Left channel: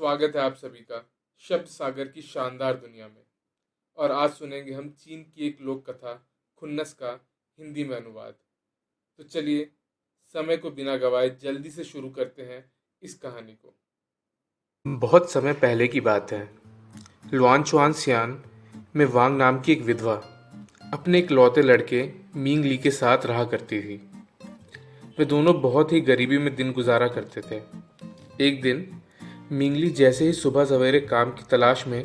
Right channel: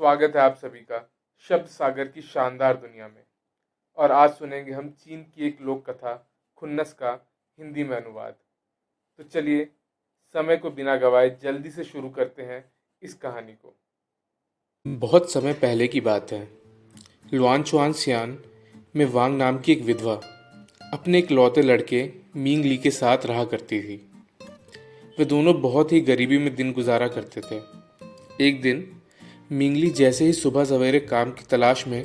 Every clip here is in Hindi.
स्वागत है आप सभी का शब्द सागर की शानदार दुनिया में। और आज सुनेंगे हम चीन की एक लोक कथा खुन्नस का हिंदी में अनुवाद। तो चलिए, समय को बिना गवाए जल्दी से शुरू करते हैं इस कहानी को। बहुत समय पहले की बात है। लुआन सियान में वांग नाम की एक विधवा अपने इकलौते लड़के मींग ली के साथ रहा करती थी। वे दोनों बहुत ही गरीबी में दिन गुजारा करते थे। एक दिन मिंगली जैसे ही सुबह सवेरे काम की तलाश में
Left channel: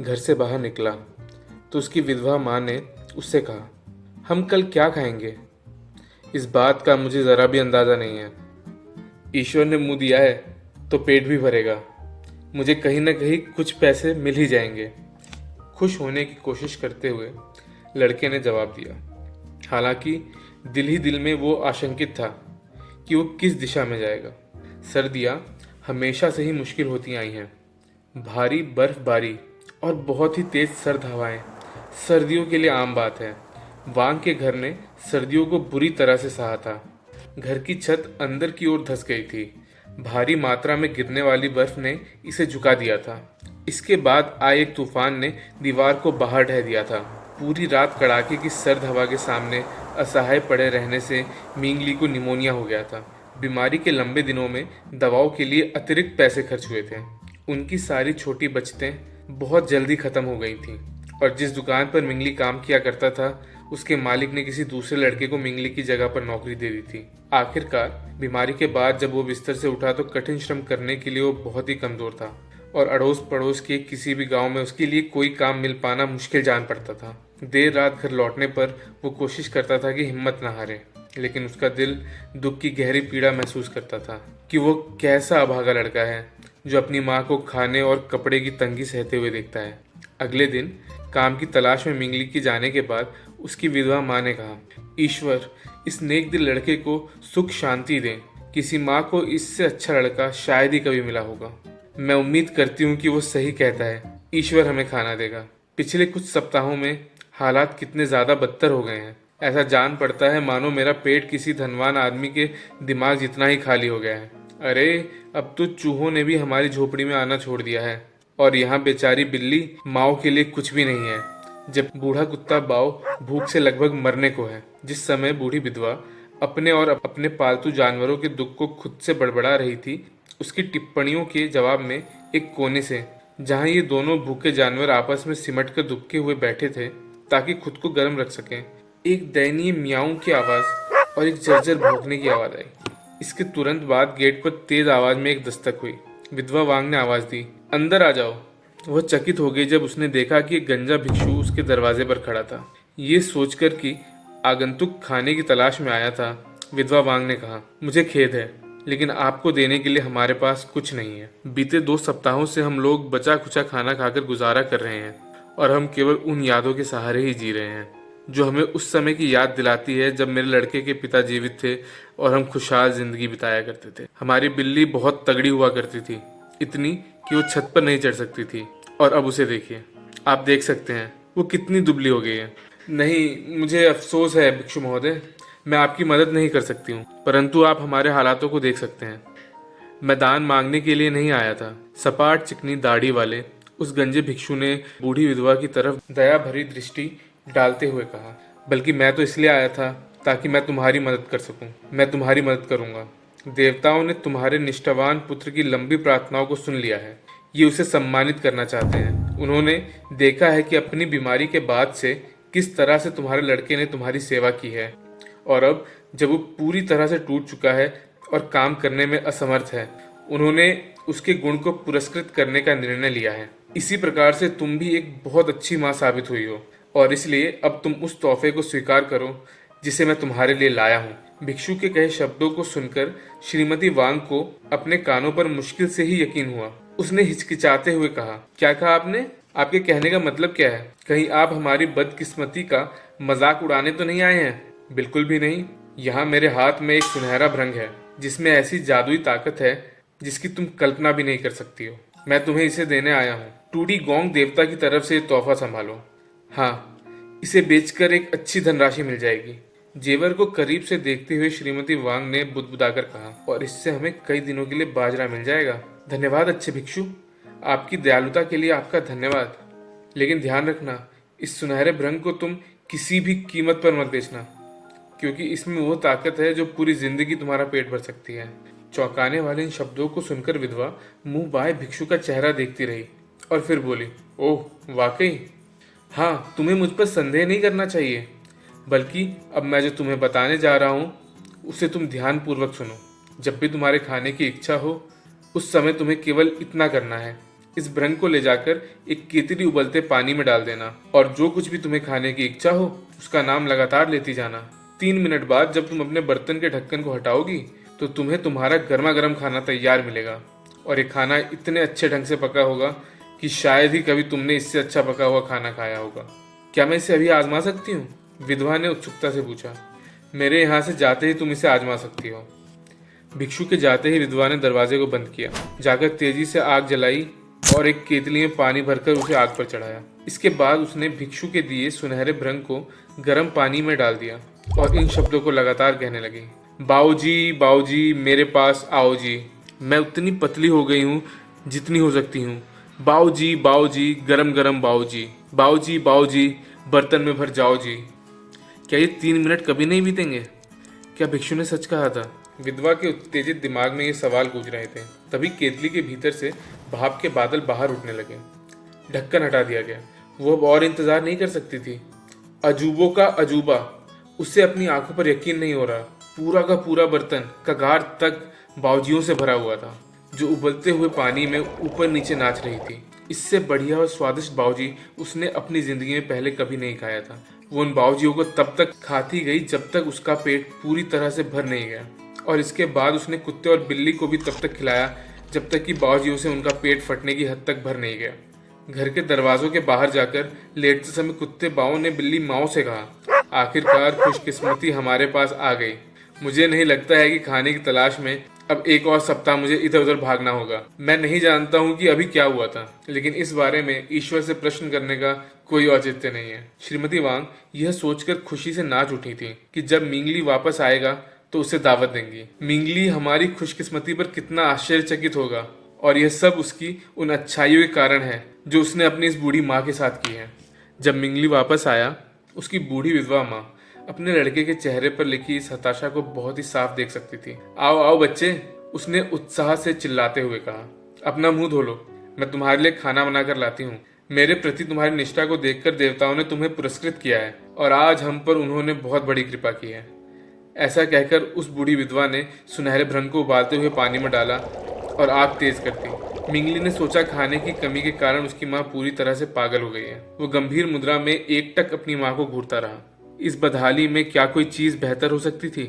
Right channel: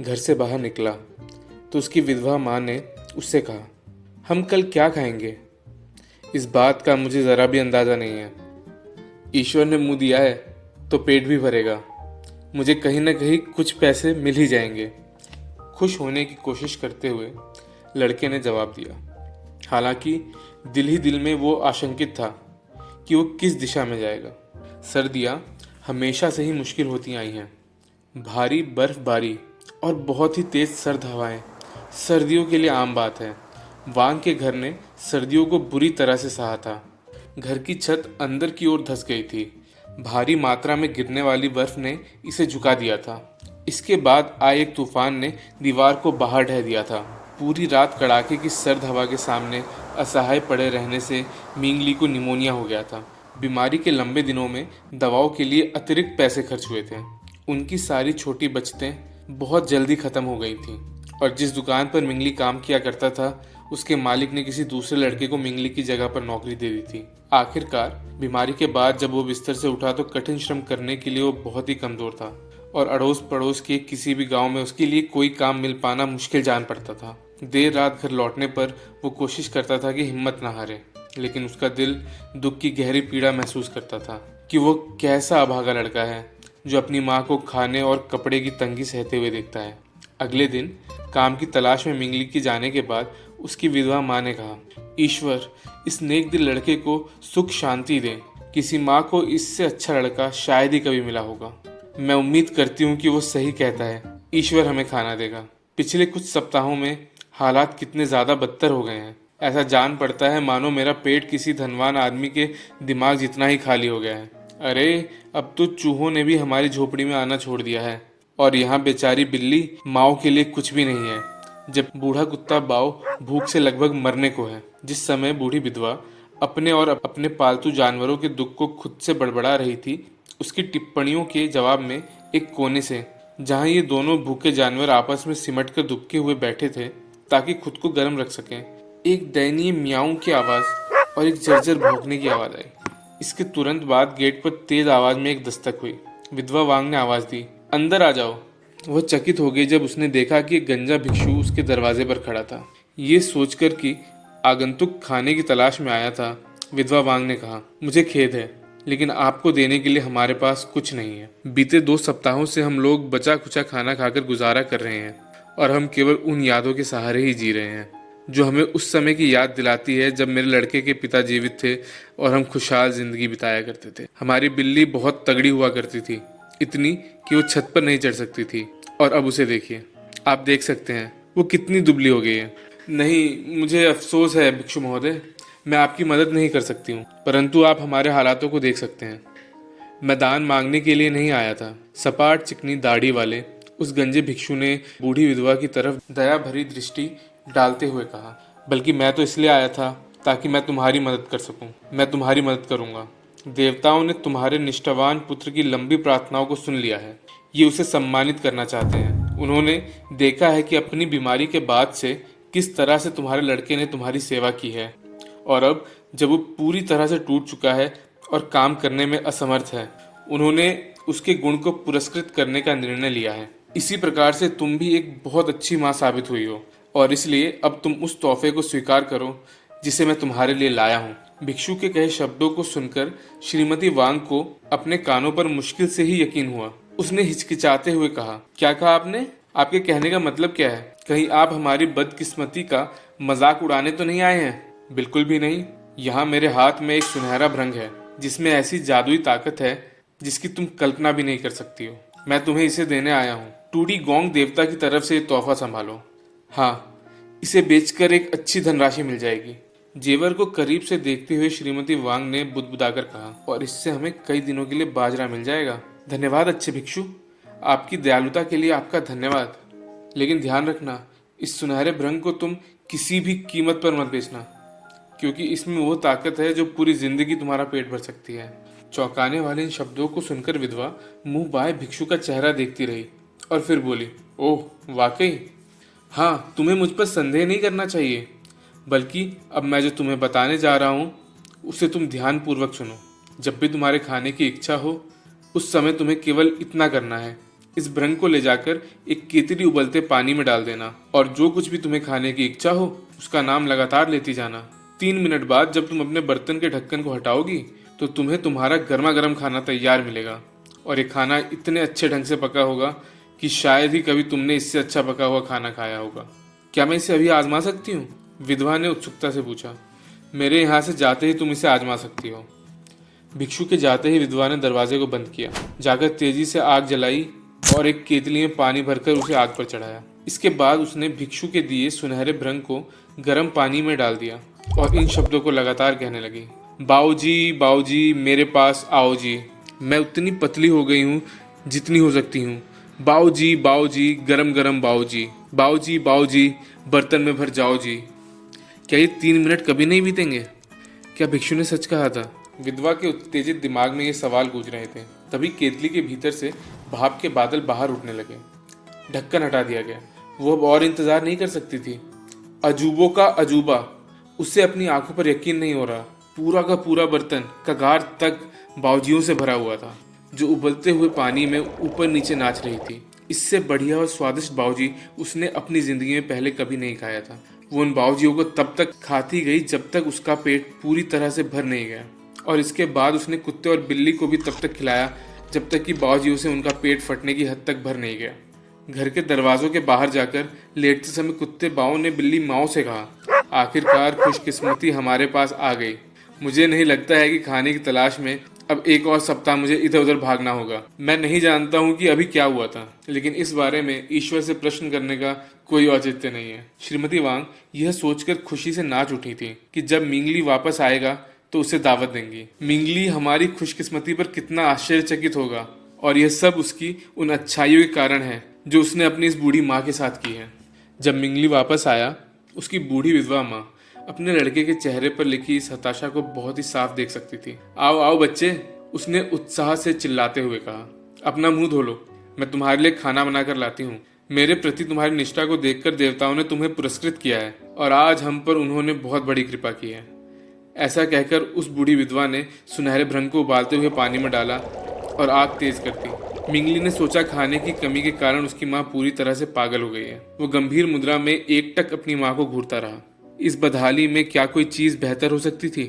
घर से बाहर निकला तो उसकी विधवा माँ ने उससे कहा, हम कल क्या खाएंगे? इस बात का मुझे ज़रा भी अंदाज़ा नहीं है। ईश्वर ने मुंह दिया है तो पेट भी भरेगा। मुझे कहीं ना कहीं कुछ पैसे मिल ही जाएंगे। खुश होने की कोशिश करते हुए लड़के ने जवाब दिया। हालांकि दिल ही दिल में वो आशंकित था कि वो किस दिशा में जाएगा। सर्दियाँ हमेशा से ही मुश्किल होती आई हैं। भारी बर्फबारी और बहुत ही तेज सर्द हवाएं सर्दियों के लिए आम बात है। वांग के घर ने सर्दियों को बुरी तरह से सहा था। घर की छत अंदर की ओर धंस गई थी। भारी मात्रा में गिरने वाली बर्फ ने इसे झुका दिया था। इसके बाद आए एक तूफान ने दीवार को बाहर ढह दिया था। पूरी रात कड़ाके की सर्द हवा के सामने असहाय पड़े रहने से मिंगली को निमोनिया हो गया था। बीमारी के लंबे दिनों में दवाओं के लिए अतिरिक्त पैसे खर्च हुए थे। उनकी सारी छोटी बचतें बहुत जल्दी खत्म हो गई थीं और जिस दुकान पर मिंगली काम किया करता था उसके मालिक ने किसी दूसरे लड़के को मिंगली की जगह पर नौकरी दे दी थी। आखिरकार बीमारी के बाद जब वो बिस्तर से उठा तो कठिन श्रम करने के लिए वो बहुत ही कमजोर था और अड़ोस पड़ोस के किसी भी गांव में उसके लिए कोई काम मिल पाना मुश्किल जान पड़ता था। देर रात घर लौटने पर वो कोशिश करता था कि हिम्मत न हारे, लेकिन उसका दिल दुख की गहरी पीड़ा महसूस करता था कि वो कैसा अभागा लड़का है जो अपनी माँ को खाने और कपड़े की तंगी सहते हुए देखता है। अगले दिन काम की तलाश में मिंगली के जाने के बाद उसकी विधवा माँ ने कहा, ईश्वर इस नेक दिल लड़के को सुख शांति दे। किसी माँ को इससे अच्छा लड़का शायद ही कभी मिला होगा। मैं उम्मीद करती हूँ कि वो सही कहता है। ईश्वर हमें खाना देगा। पिछले कुछ सप्ताहों में हालात कितने ज़्यादा बदतर हो गए हैं। ऐसा जान पड़ता है मानो मेरा पेट किसी धनवान आदमी के दिमाग जितना ही खाली हो गया है। अरे, अब तो चूहों ने भी हमारी झोपड़ी में आना छोड़ दिया है और यहाँ बेचारी बिल्ली माओ के लिए कुछ भी नहीं है, जब बूढ़ा कुत्ता बाओ भूख से लगभग मरने को है। जिस समय बूढ़ी विधवा अपने और अपने पालतू जानवरों के दुख को खुद से बड़बड़ा रही थी, उसकी टिप्पणियों के जवाब में एक कोने से, जहाँ ये दोनों भूखे जानवर आपस में सिमट कर दुबके हुए बैठे थे ताकि खुद को गर्म रख सकें, एक दयनीय मियाऊं की आवाज़ और एक जर्जर भौंकने की आवाज़ आई। इसके तुरंत बाद गेट पर तेज आवाज़ में एक दस्तक हुई। विधवा वांग ने आवाज़ दी, अंदर आ जाओ। वह चकित हो गई जब उसने देखा कि एक गंजा भिक्षु उसके दरवाजे पर खड़ा था। ये सोचकर कि आगंतुक खाने की तलाश में आया था, विधवा वांग ने कहा, मुझे खेद है लेकिन आपको देने के लिए हमारे पास कुछ नहीं है। बीते 2 सप्ताहों से हम लोग बचा खुचा खाना खाकर गुजारा कर रहे हैं और हम केवल उन यादों के सहारे ही जी रहे हैं जो हमें उस समय की याद दिलाती है जब मेरे लड़के के पिता जीवित थे और हम खुशहाल जिंदगी बिताया करते थे। हमारी बिल्ली बहुत तगड़ी हुआ करती थी, इतनी कि वो छत पर नहीं चढ़ सकती थी, और अब उसे देखिए। आप देख सकते हैं वो कितनी दुबली हो गई है। नहीं, मुझे अफसोस है भिक्षु महोदय, मैं आपकी मदद नहीं कर सकती हूँ, परंतु आप हमारे हालातों को देख सकते हैं। मैं दान मांगने के लिए नहीं आया था। सपाट चिकनी दाढ़ी वाले उस गंजे भिक्षु ने बूढ़ी विधवा की तरफ दया भरी दृष्टि डालते हुए कहा, बल्कि मैं तो इसलिए आया था ताकि मैं तुम्हारी मदद कर सकूं। मैं तुम्हारी मदद करूंगा। देवताओं ने तुम्हारे निष्ठावान पुत्र की लंबी प्रार्थनाओं को सुन लिया है। ये उसे सम्मानित करना चाहते हैं। उन्होंने देखा है कि अपनी बीमारी के बाद से किस तरह से तुम्हारे लड़के ने तुम्हारी सेवा की है, और अब जब वो पूरी तरह से टूट चुका है और काम करने में असमर्थ है, उन्होंने उसके गुण को पुरस्कृत करने का निर्णय लिया है। इसी प्रकार से तुम भी एक बहुत अच्छी माँ साबित हुई हो, और इसलिए अब तुम उस तोहफे को स्वीकार करो जिसे मैं तुम्हारे लिए लाया हूँ। भिक्षु के कहे शब्दों को सुनकर श्रीमती वांग को अपने कानों पर मुश्किल से ही यकीन हुआ। उसने हिचकिचाते हुए कहा, क्या कहा आपने? आपके कहने का मतलब क्या है? कहीं आप हमारी बदकिस्मती का मजाक उड़ाने तो नहीं आए हैं? बिल्कुल भी नहीं। यहाँ मेरे हाथ में एक सुनहरा भ्रंग है जिसमें ऐसी जादुई ताकत है जिसकी तुम कल्पना भी नहीं कर सकती हो। मैं तुम्हें इसे देने आया हूँ। टूडी गोंग देवता की तरफ से तोहफा संभालो। हाँ, इसे बेचकर एक अच्छी धनराशि मिल जाएगी। जेवर को करीब से देखते हुए श्रीमती वांग ने बुदबुदाकर कहा, और इससे हमें कई दिनों के लिए बाजरा मिल जाएगा। धन्यवाद अच्छे भिक्षु, आपकी दयालुता के लिए आपका धन्यवाद। लेकिन ध्यान रखना, इस सुनहरे भ्रंग को तुम किसी भी कीमत पर मत बेचना, क्योंकि इसमें वो ताकत है जो पूरी जिंदगी तुम्हारा पेट भर सकती है। चौंकाने वाले इन शब्दों को सुनकर विधवा मुंह बाए भिक्षु का चेहरा देखती रही और फिर बोली, ओह वाकई, हाँ, तुम्हें मुझ पर संदेह नहीं करना चाहिए। बल्कि अब मैं जो तुम्हें बताने जा रहा हूँ उसे तुम ध्यानपूर्वक सुनो। जब भी तुम्हारे खाने की इच्छा हो, उस समय तुम्हें केवल इतना करना है, इस भ्रंग को ले जाकर एक केतली उबलते पानी में डाल देना और जो कुछ भी तुम्हें खाने की इच्छा हो उसका नाम लगातार लेती जाना। 3 मिनट बाद जब तुम अपने बर्तन के ढक्कन को हटाओगी तो तुम्हें तुम्हारा गर्मा गर्म खाना तैयार मिलेगा, और ये खाना इतने अच्छे ढंग से पका होगा कि शायद ही कभी तुमने इससे अच्छा पका हुआ खाना खाया होगा। क्या मैं इसे अभी आजमा सकती हूँ? विधवा ने उत्सुकता से पूछा। मेरे यहाँ से जाते ही तुम इसे आजमा सकती हो। भिक्षु के जाते ही विधवा ने दरवाजे को बंद किया, जाकर तेजी से आग जलाई और एक केतली में पानी भरकर उसे आग पर चढ़ाया। इसके बाद उसने भिक्षु के दिए सुनहरे भ्रंग को गर्म पानी में डाल दिया और इन शब्दों को लगातार कहने लगी, बाऊजी बाऊजी मेरे पास आओ जी, मैं उतनी पतली हो गई हूँ जितनी हो सकती हूँ। बाऊजी बाऊजी गरम गरम बाऊजी, बाऊजी बाऊजी बर्तन में भर जाओ जी। क्या ये 3 मिनट कभी नहीं बीतेंगे? क्या भिक्षु ने सच कहा था? विधवा के उत्तेजित दिमाग में ये सवाल गूंज रहे थे। तभी केतली के भीतर से भाप के बादल बाहर उठने लगे। ढक्कन हटा दिया गया। वो अब और इंतजार नहीं कर सकती थी। अजूबों का अजूबा, उससे अपनी आंखों पर यकीन नहीं हो रहा। पूरा का पूरा बर्तन कगार तक बावजियों से भरा हुआ था, जो उबलते हुए पानी में ऊपर नीचे नाच रही थी। इससे बढ़िया और स्वादिष्ट बावजी उसने अपनी जिंदगी में पहले कभी नहीं खाया था। वो उन बावजियों को तब तक खाती गई जब तक उसका पेट पूरी तरह से भर नहीं गया, और इसके बाद उसने कुत्ते और बिल्ली को भी तब तक खिलाया जब तक कि बावजियों से उनका पेट फटने की हद तक भर नहीं गया। घर के दरवाजों के बाहर जाकर लेटते समय कुत्ते बाओं ने बिल्ली माओ से कहा, आखिरकार खुशकिस्मती हमारे पास आ गई। मुझे नहीं लगता है कि खाने की तलाश में अब एक और सप्ताह मुझे इधर उधर भागना होगा। मैं नहीं जानता हूँ कि अभी क्या हुआ था, लेकिन इस बारे में ईश्वर से प्रश्न करने का कोई औचित्य नहीं है। श्रीमती वांग यह सोचकर खुशी से नाच उठी थी कि जब मिंगली वापस आएगा तो उसे दावत देंगी। मिंगली हमारी खुशकिस्मती पर कितना आश्चर्यचकित होगा, और यह सब उसकी उन अच्छाइयों के कारण है जो उसने अपनी इस बूढ़ी माँ के साथ की है। जब मिंगली वापस आया, उसकी बूढ़ी विधवा माँ अपने लड़के के चेहरे पर लिखी इस हताशा को बहुत ही साफ देख सकती थी। आओ आओ बच्चे, उसने उत्साह से चिल्लाते हुए कहा, अपना मुंह धो लो, मैं तुम्हारे लिए खाना बनाकर लाती हूँ। मेरे प्रति तुम्हारी निष्ठा को देखकर देवताओं ने तुम्हें पुरस्कृत किया है, और आज हम पर उन्होंने बहुत बड़ी कृपा की है। ऐसा कहकर उस बूढ़ी विधवा ने सुनहरे भ्रंग को उबालते हुए पानी में डाला और आग तेज कर दी। मिंगली ने सोचा खाने की कमी के कारण उसकी माँ पूरी तरह से पागल हो गई है। वो गंभीर मुद्रा में एकटक अपनी माँ को घूरता रहा। इस बदहाली में क्या कोई चीज बेहतर हो सकती थी?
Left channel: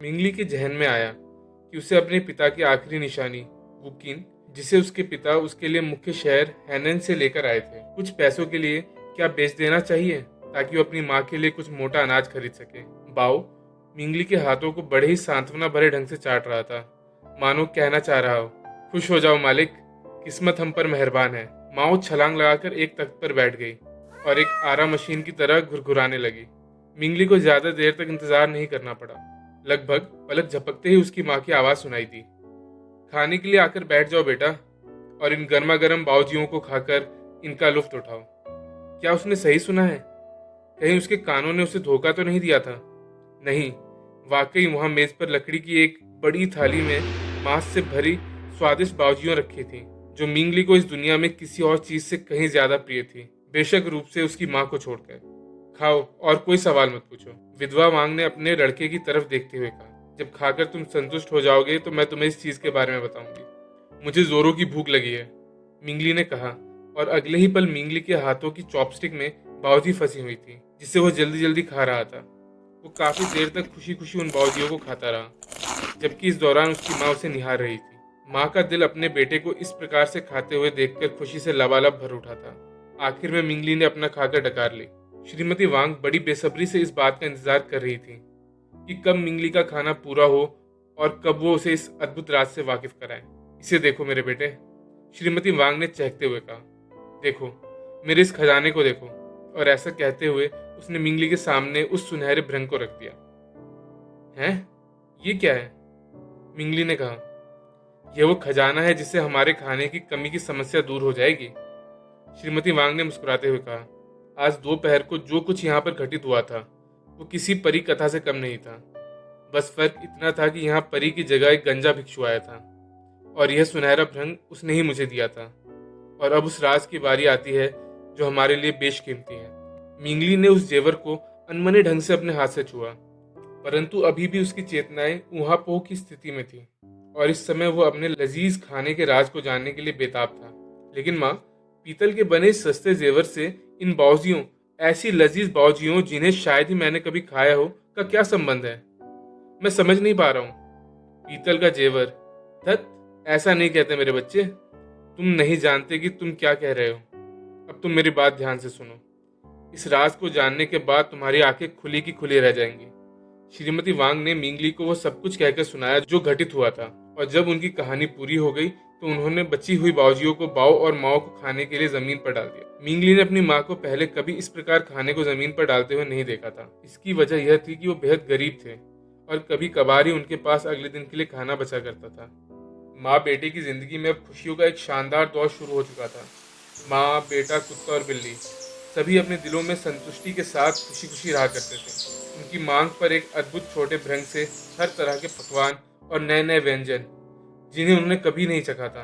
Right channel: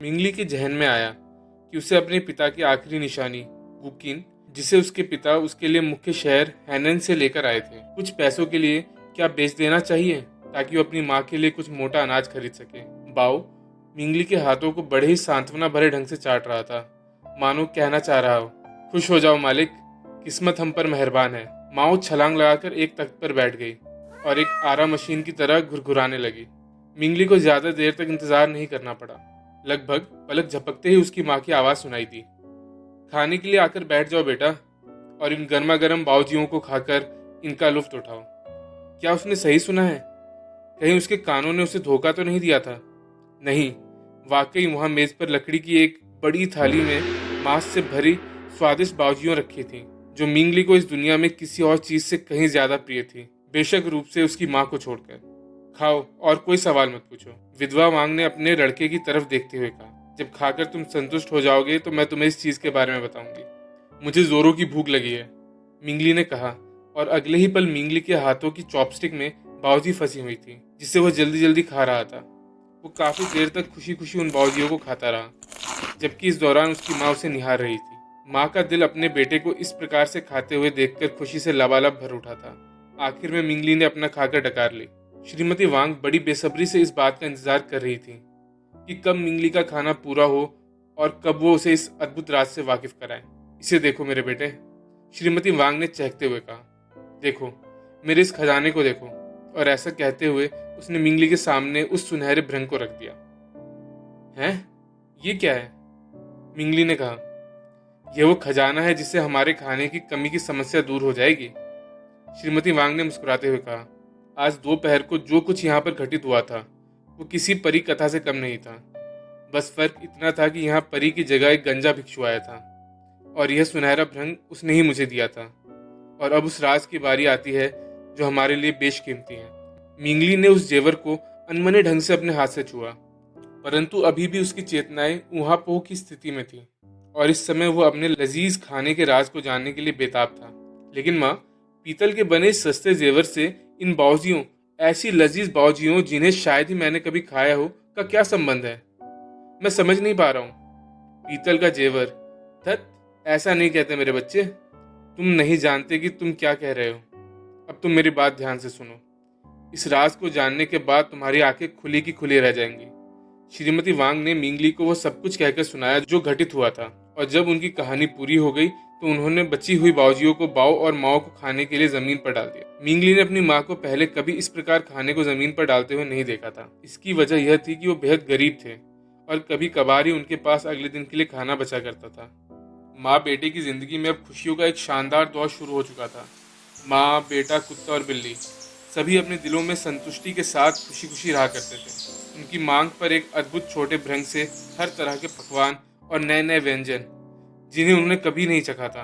मिंगली के जहन में आया कि उसे अपने पिता की आखिरी निशानी वुकिन, जिसे उसके पिता उसके लिए मुख्य शहर हैनन से लेकर आए थे, कुछ पैसों के लिए क्या बेच देना चाहिए ताकि वो अपनी माँ के लिए कुछ मोटा अनाज खरीद सके। बाओ मिंगली के हाथों को बड़े ही सांत्वना भरे ढंग से चाट रहा था, मानो कहना चाह रहा हो, खुश हो जाओ मालिक, किस्मत हम पर मेहरबान है। माओ छलांग लगाकर एक तख्त पर बैठ गई और एक आरा मशीन की तरह घुरघुराने लगी। मिंगली को ज्यादा देर तक इंतजार नहीं करना पड़ा। लगभग पलक झपकते ही उसकी माँ की आवाज सुनाई दी, खाने के लिए आकर बैठ जाओ बेटा, और इन गर्मा गर्म बावजियों को खाकर इनका लुफ्त उठाओ। क्या उसने सही सुना है? कहीं उसके कानों ने उसे धोखा तो नहीं दिया था? नहीं, वाकई वहां मेज पर लकड़ी की एक बड़ी थाली में मांस से भरी स्वादिष्ट बावजियां रखी थी, जो मिंगली को इस दुनिया में किसी और चीज से कहीं ज्यादा प्रिय थी, बेशक रूप से उसकी माँ को छोड़कर। खाओ और कोई सवाल मत पूछो, विधवा वांग ने अपने लड़के की तरफ देखते हुए कहा। जब खाकर तुम संतुष्ट हो जाओगे तो मैं तुम्हें इस चीज के बारे में बताऊंगी। मुझे जोरों की भूख लगी है, मिंगली ने कहा, और अगले ही पल मिंगली के हाथों की चॉपस्टिक में बावजी फंसी हुई थी, जिसे वह जल्दी जल्दी खा रहा था। वो काफी देर तक खुशी खुशी उन बावजियों को खाता रहा, जबकि इस दौरान उसकी माँ उसे निहार रही थी। माँ का दिल अपने बेटे को इस प्रकार से खाते हुए देखकर खुशी से लबालब भर उठा था। आखिर में मिंगली ने अपना खाकर डकार ली। श्रीमती वांग बड़ी बेसब्री से इस बात का इंतजार कर रही थी कि कब मिंगली का खाना पूरा हो और कब वो उसे इस अद्भुत राज से वाकिफ कराए। इसे देखो मेरे बेटे, श्रीमती वांग ने चहकते हुए कहा, देखो मेरे इस खजाने को देखो। और ऐसा कहते हुए उसने मिंगली के सामने उस सुनहरे भ्रंग को रख दिया। हैं? ये क्या है? मिंगली ने कहा। यह वो खजाना है जिससे हमारे खाने की कमी की समस्या दूर हो जाएगी। श्रीमती वांग ने मुस्कुराते हुए कहा, आज दोपहर को जो कुछ यहाँ पर घटित हुआ था वो किसी परी कथा से कम नहीं था। बस फर्क इतना था कि यहाँ परी की जगह एक गंजा भिक्षु आया था और यह सुनहरा भ्रंग उसने ही मुझे दिया था। और अब उस राज की बारी आती है जो हमारे लिए बेशकीमती है। मिंगली ने उस जेवर को अनमने ढंग से अपने हाथ से छुआ, परंतु अभी भी उसकी चेतनाएं ऊहापोह की स्थिति में थी और इस समय वो अपने लजीज खाने के राज को जानने के लिए बेताब था। लेकिन माँ, पीतल के बने इस सस्ते जेवर से इन बावजियों, ऐसी लजीज बावजियों जिन्हें शायद ही मैंने कभी खाया हो, का क्या संबंध है? मैं समझ नहीं पा रहा हूँ। पीतल का जेवर? धत, ऐसा नहीं कहते मेरे बच्चे। तुम नहीं जानते कि तुम क्या कह रहे हो। अब तुम मेरी बात ध्यान से सुनो। इस राज को जानने के बाद तुम्हारी आंखें खुली की खुली रह जाएंगी। श्रीमती वांग ने मिंगली को वो सब कुछ कहकर सुनाया जो घटित हुआ था, और जब उनकी कहानी पूरी हो गई तो उन्होंने बची हुई बावजियों को बाव और माओ को खाने के लिए जमीन पर डाल दिया। मिंगली ने अपनी माँ को पहले कभी इस प्रकार खाने को जमीन पर डालते हुए नहीं देखा था। इसकी वजह यह थी कि वो बेहद गरीब थे और कभी कभार ही उनके पास अगले दिन के लिए खाना बचा करता था। माँ बेटे की जिंदगी में अब खुशियों का एक शानदार दौर शुरू हो चुका था। माँ, बेटा, कुत्ता और बिल्ली सभी अपने दिलों में संतुष्टि के साथ खुशी खुशी रहा करते थे। उनकी मांग पर एक अद्भुत छोटे भ्रंग से हर तरह के पकवान और नए नए व्यंजन, जिन्हें उन्होंने कभी नहीं चखा था,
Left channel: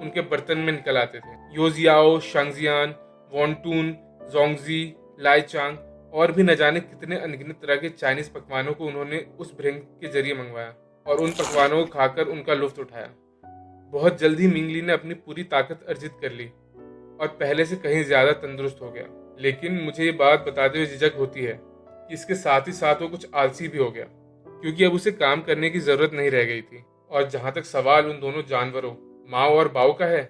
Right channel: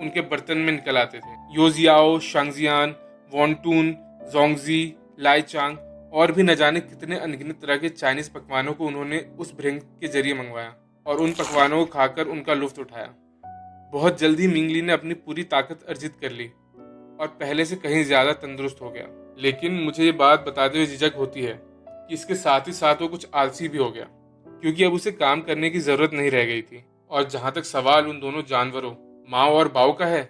उनके बर्तन में निकल आते थे। योजियाओ, शांगजियान, वॉन्टून, जोंगजी, लाईचांग और भी न जाने कितने अनगिनत तरह के चाइनीज पकवानों को उन्होंने उस भ्रंग के जरिए मंगवाया और उन पकवानों को खाकर उनका लुत्फ उठाया। बहुत जल्द ही मिंगली ने अपनी पूरी ताकत अर्जित कर ली और पहले से कहीं ज्यादा तंदुरुस्त हो गया। लेकिन मुझे ये बात बताते हुए झिझक होती है कि इसके साथ ही साथ वो कुछ आलसी भी हो गया, क्योंकि अब उसे काम करने की जरूरत नहीं रह गई थी। और जहां तक सवाल उन दोनों जानवरों माओ और बाओ का है,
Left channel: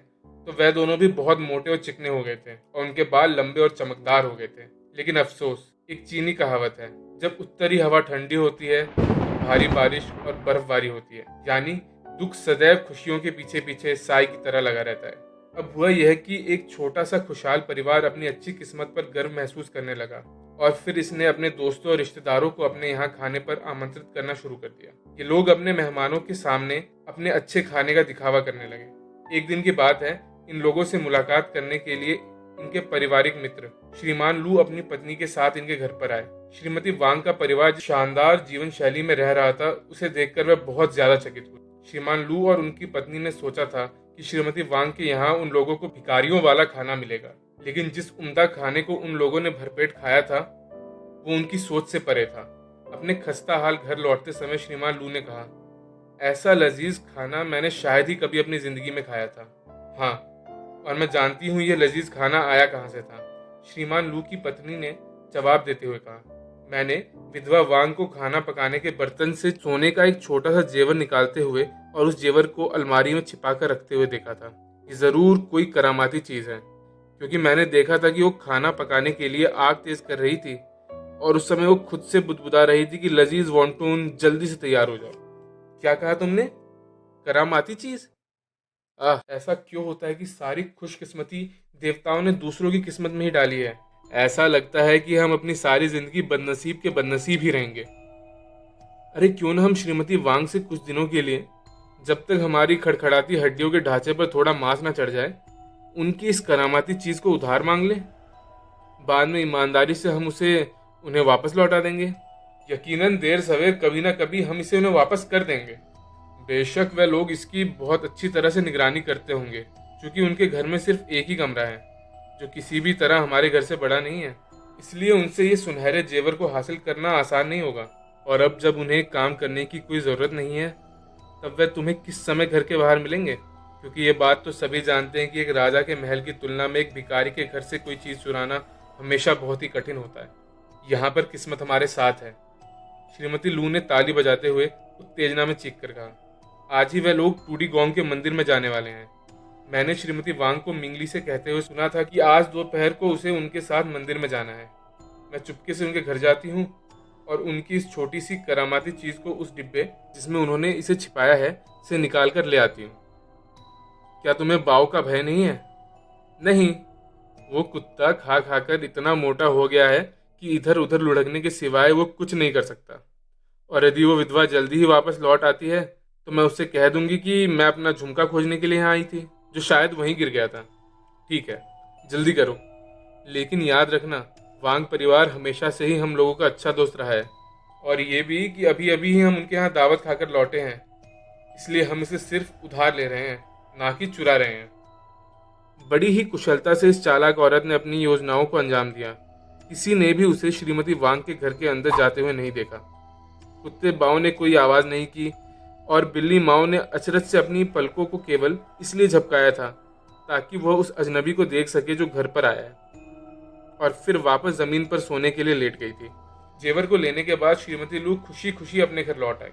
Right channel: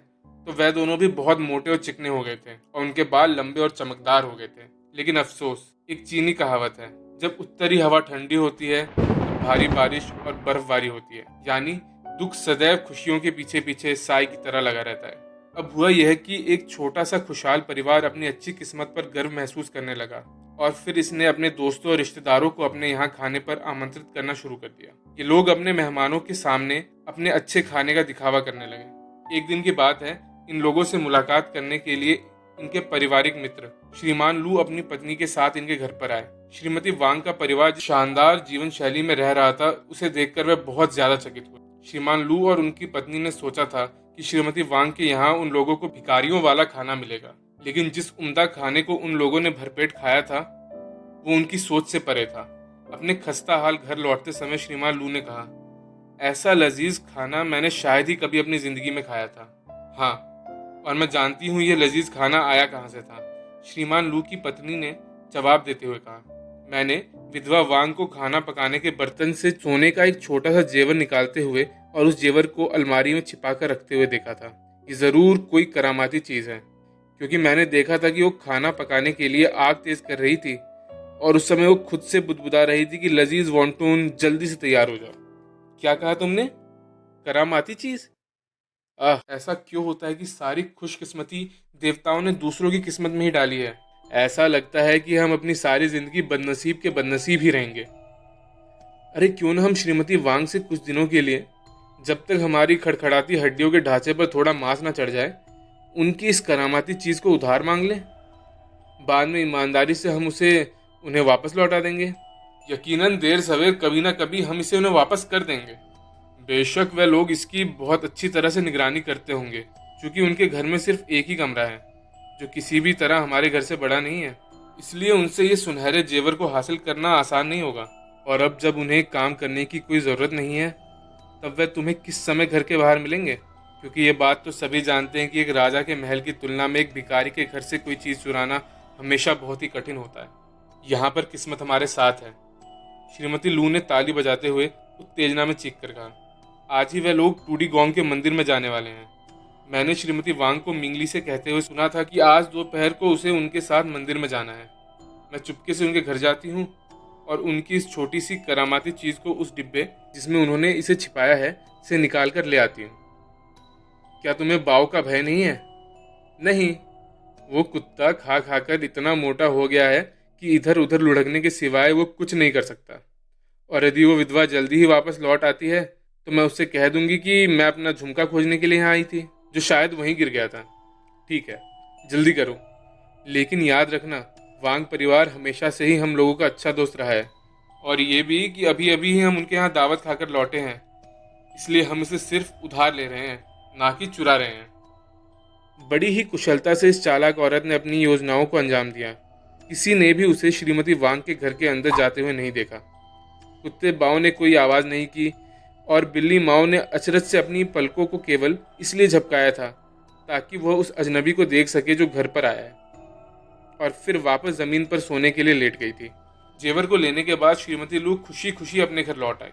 तो वह दोनों भी बहुत मोटे और चिकने हो गए थे और उनके बाल लंबे और चमकदार हो गए थे। लेकिन अफसोस, एक चीनी कहावत है, जब उत्तरी हवा ठंडी होती है तो भारी बारिश और बर्फबारी होती है। यानी दुख सदैव खुशियों के पीछे पीछे साई की तरह लगा रहता है। अब हुआ यह कि एक छोटा सा खुशहाल परिवार अपनी अच्छी किस्मत पर गर्व महसूस करने लगा और फिर इसने अपने दोस्तों और रिश्तेदारों को अपने यहाँ खाने पर आमंत्रित करना शुरू कर दिया। ये लोग अपने मेहमानों के सामने अपने अच्छे खाने का दिखावा करने लगे। एक दिन की बात है, इन लोगों से मुलाकात करने के लिए इनके पारिवारिक मित्र श्रीमान लू अपनी पत्नी के साथ इनके घर पर आए। श्रीमती वांग का परिवार जो शानदार जीवन शैली में रह रहा था, उसे देखकर वह बहुत ज्यादा चकित हुए। श्रीमान लू और उनकी पत्नी ने सोचा था कि श्रीमती वांग के यहाँ उन लोगों को भिखारियों वाला खाना मिलेगा, लेकिन जिस उम्दा खाने को उन लोगों ने भरपेट खाया था वो उनकी सोच से परे था। अपने खस्ता हाल घर लौटते समय श्रीमान लू ने कहा, ऐसा लजीज खाना मैंने शायद ही कभी अपनी जिंदगी में खाया था। हाँ, और मैं जानती हूँ ये लजीज खाना आया कहाँ से था। श्रीमान लू की पत्नी ने जवाब देते हुए कहा, मैंने विधवा वांग को खाना पकाने के बर्तन से सोने का एक छोटा सा जेवर निकालते हुए और उस जेवर को अलमारी में छिपा कर रखते हुए देखा था। ये जरूर कोई करामाती चीज है, क्योंकि मैंने देखा था कि वो खाना पकाने के लिए आग तेज कर रही थी और उस समय वो खुद से बुदबुदा रही थी कि लजीज वॉन्टून जल्दी से तैयार हो जाओ। क्या कहा तुमने? करामाती चीज? ऐसा क्यों होता है कि सारी खुशकिस्मती देवताओं ने दूसरों की किस्मत में ही डाली है? ऐसा लगता है कि हम अपनी सारी जिंदगी बदनसीब के बदनसीब ही रहेंगे। अरे क्यों ना हम श्रीमती वांग से कुछ दिनों के लिए, जब तक हमारी खड़खड़ाती हड्डियों के ढांचे पर थोड़ा मांस ना चढ़ जाए, उनकी इस करामाती चीज को उधार मांग लें। बाद में ईमानदारी से हम उसे उन्हें वापस लौटा देंगे। यकीनन देर सवेर कभी ना कभी हम इसे उन्हें वापस कर देंगे। बेशक वह लोग इसकी बहुत अच्छी तरह से निगरानी करते होंगे, क्योंकि उनके घर में सिर्फ एक ही कमरा है जो किसी भी तरह हमारे घर से बड़ा नहीं है। इसलिए उनसे ये सुनहरे जेवर को हासिल करना आसान नहीं होगा। और अब जब उन्हें काम करने की कोई ज़रूरत नहीं है, तब वह तुम्हें किस समय घर के बाहर मिलेंगे? क्योंकि ये बात तो सभी जानते हैं कि एक राजा के महल की तुलना में एक भिखारी के घर से कोई चीज़ चुराना हमेशा बहुत ही कठिन होता है। यहाँ पर किस्मत हमारे साथ है। श्रीमती लू ने ताली बजाते हुए उत्तेजना में चीख कर कहा, आज ही वह लोग टूडी गोंग के मंदिर में जाने वाले हैं। मैंने श्रीमती वांग को मिंगली से कहते हुए सुना था कि आज दोपहर को उसे उनके साथ मंदिर में जाना है। मैं चुपके से उनके घर जाती हूँ और उनकी इस छोटी सी करामाती चीज को उस डिब्बे जिसमें उन्होंने इसे छिपाया है से निकाल कर ले आती हूँ। क्या तुम्हें बाव का भय नहीं है? नहीं, वो कुत्ता खा खाकर इतना मोटा हो गया है कि इधर उधर लुढ़कने के सिवाय वो कुछ नहीं कर सकता। और यदि वो विधवा जल्दी ही वापस लौट आती है तो मैं उससे कह दूंगी कि मैं अपना झुमका खोजने के लिए यहाँ आई थी, जो शायद वहीं गिर गया था। ठीक है, जल्दी करो। लेकिन याद रखना, वांग परिवार हमेशा से ही हम लोगों का अच्छा दोस्त रहा है, और ये भी कि अभी अभी ही हम उनके यहाँ दावत खाकर लौटे हैं, इसलिए हम इसे सिर्फ उधार ले रहे हैं, ना कि चुरा रहे हैं। बड़ी ही कुशलता से इस चालाक औरत ने अपनी योजनाओं को अंजाम दिया। किसी ने भी उसे श्रीमती वांग के घर के अंदर जाते हुए नहीं देखा। कुत्ते बाव ने कोई आवाज नहीं की, और बिल्ली माओ ने अचरज से अपनी पलकों को केवल इसलिए झपकाया था ताकि वह उस अजनबी को देख सके जो घर पर आया है, और फिर वापस जमीन पर सोने के लिए लेट गई थी। जेवर को लेने के बाद श्रीमती लू खुशी खुशी अपने घर लौट आई,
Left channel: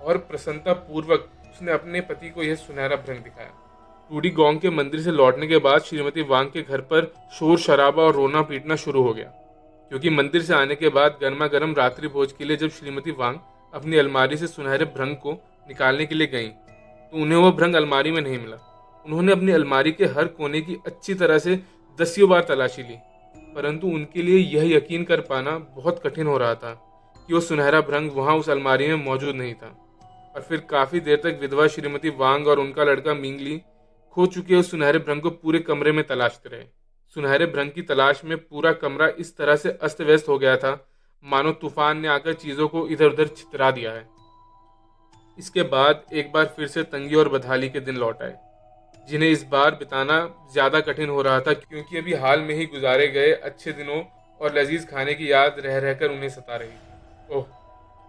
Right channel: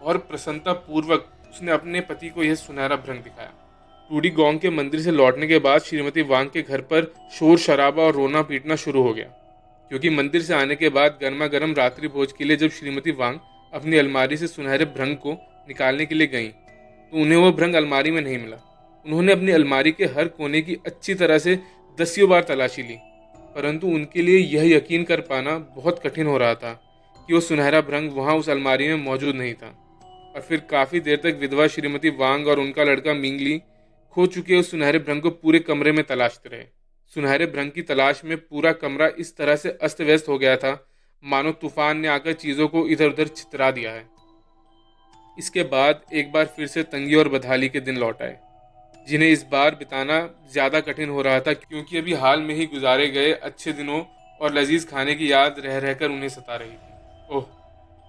और प्रसन्नता पूर्वक उसने अपने पति को यह सुनहरा भ्रंग दिखाया। टूडी गोंग के मंदिर से लौटने के बाद श्रीमती वांग के घर पर शोर शराबा और रोना पीटना शुरू हो गया, क्योंकि मंदिर से आने के बाद गर्मा गर्म रात्रि भोज के लिए जब श्रीमती वांग अपनी अलमारी से सुनहरे भ्रंग को निकालने के लिए गई तो उन्हें वह भ्रंग अलमारी में नहीं मिला। उन्होंने अपनी अलमारी के हर कोने की अच्छी तरह से दसियों बार तलाशी ली, परंतु उनके लिए यह यकीन कर पाना बहुत कठिन हो रहा था कि वो सुनहरा भ्रंग वहां उस अलमारी में मौजूद नहीं था। और फिर काफी देर तक विधवा श्रीमती वांग और उनका लड़का मिंगली खो चुके उस सुनहरे भ्रंग को पूरे कमरे में तलाशते रहे। सुनहरे भ्रंग की तलाश में पूरा कमरा इस तरह से अस्त व्यस्त हो गया था मानो तूफान ने आकर चीजों को इधर उधर छितरा दिया है। इसके बाद एक बार फिर से तंगी और बदहाली के दिन लौट आए, जिन्हें इस बार बिताना ज्यादा कठिन हो रहा था, क्योंकि अभी हाल में ही गुजारे गए अच्छे दिनों और लजीज खाने की याद रह रहकर उन्हें सता रही थी। ओह,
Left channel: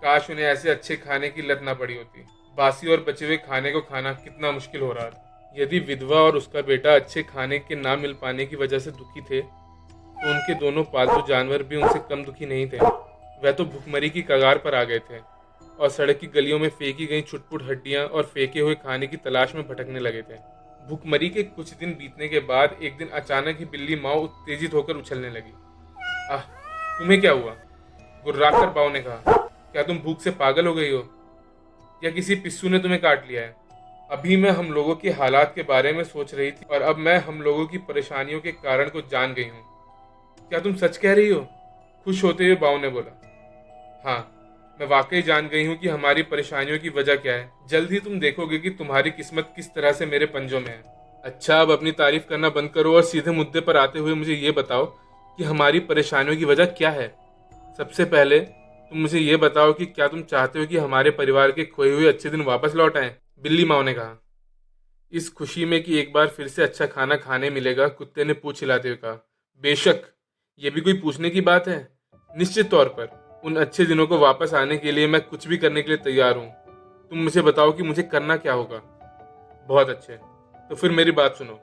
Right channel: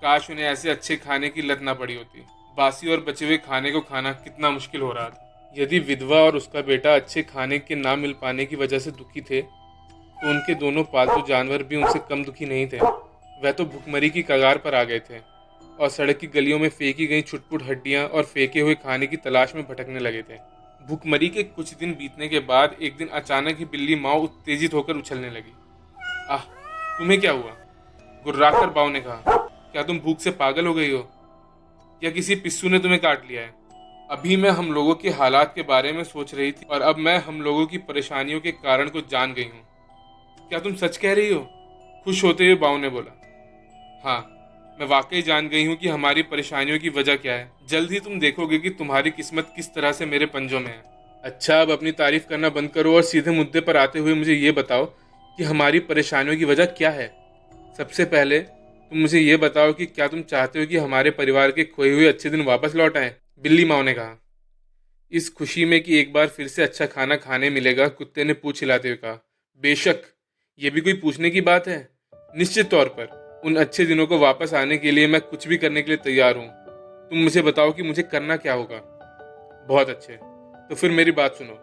काश उन्हें ऐसे अच्छे खाने की लत ना पड़ी होती। बासी और बचे हुए खाने को खाना कितना मुश्किल हो रहा था। यदि विधवा और उसका बेटा अच्छे खाने के ना मिल पाने की वजह से दुखी थे, तो उनके दोनों पालतू जानवर भी उनसे कम दुखी नहीं थे। वह तो भुखमरी की कगार पर आ गए थे और सड़क की गलियों में फेंकी गई छुटपुट हड्डियां और फेंके हुए खाने की तलाश में भटकने लगे थे। भुखमरी के कुछ दिन बीतने के बाद एक दिन अचानक ही बिल्ली माओ उत्तेजित होकर उछलने लगी। आह, तुम्हें क्या हुआ? गुर्राकर बाव ने कहा। क्या तुम भूख से पागल हो गई हो, या किसी पिस्सू ने तुम्हें काट लिया है? अभी मैं हम लोगों के हालात के बारे में सोच रही थी, और अब मैं हम लोगों की परेशानियों के कारण को जान गई हूँ। क्या तुम सच कह रही हो? खुश होते हुए बाव ने बोला। हाँ, मैं वाकई जान गई हूँ कि हमारी परेशानियों की वजह क्या है। जल्द ही तुम देखोगे कि तुम्हारी किस्मत किस तरह से मेरे पंजों में है। अच्छा, अब अपनी तारीफ करना बंद करो और सीधे मुद्दे पर आते हुए मुझे ये बताओ कि हमारी परेशानियों की वजह क्या है। सबसे पहले तुम मुझे ये बताओ कि क्या तुम चाहते हो कि हमारे परिवार के खोए हुए अच्छे दिन वापस लौट आए? बिल्ली माओ ने कहा। इस खुशी में कि एक बार फिर से अच्छा खाना खाने मिलेगा, कुत्ते ने पूंछ हिलाते हुए कहा। बेशक, ये भी कोई पूछने की बात है। निश्चित तौर पर उन अच्छे दिनों को वापस आने के लिए मैं कुछ भी करने के लिए तैयार हूँ। तुम मुझे बताओ कि मुझे करना क्या होगा। बहुत अच्छे, तो फिर मेरी बात सुनो।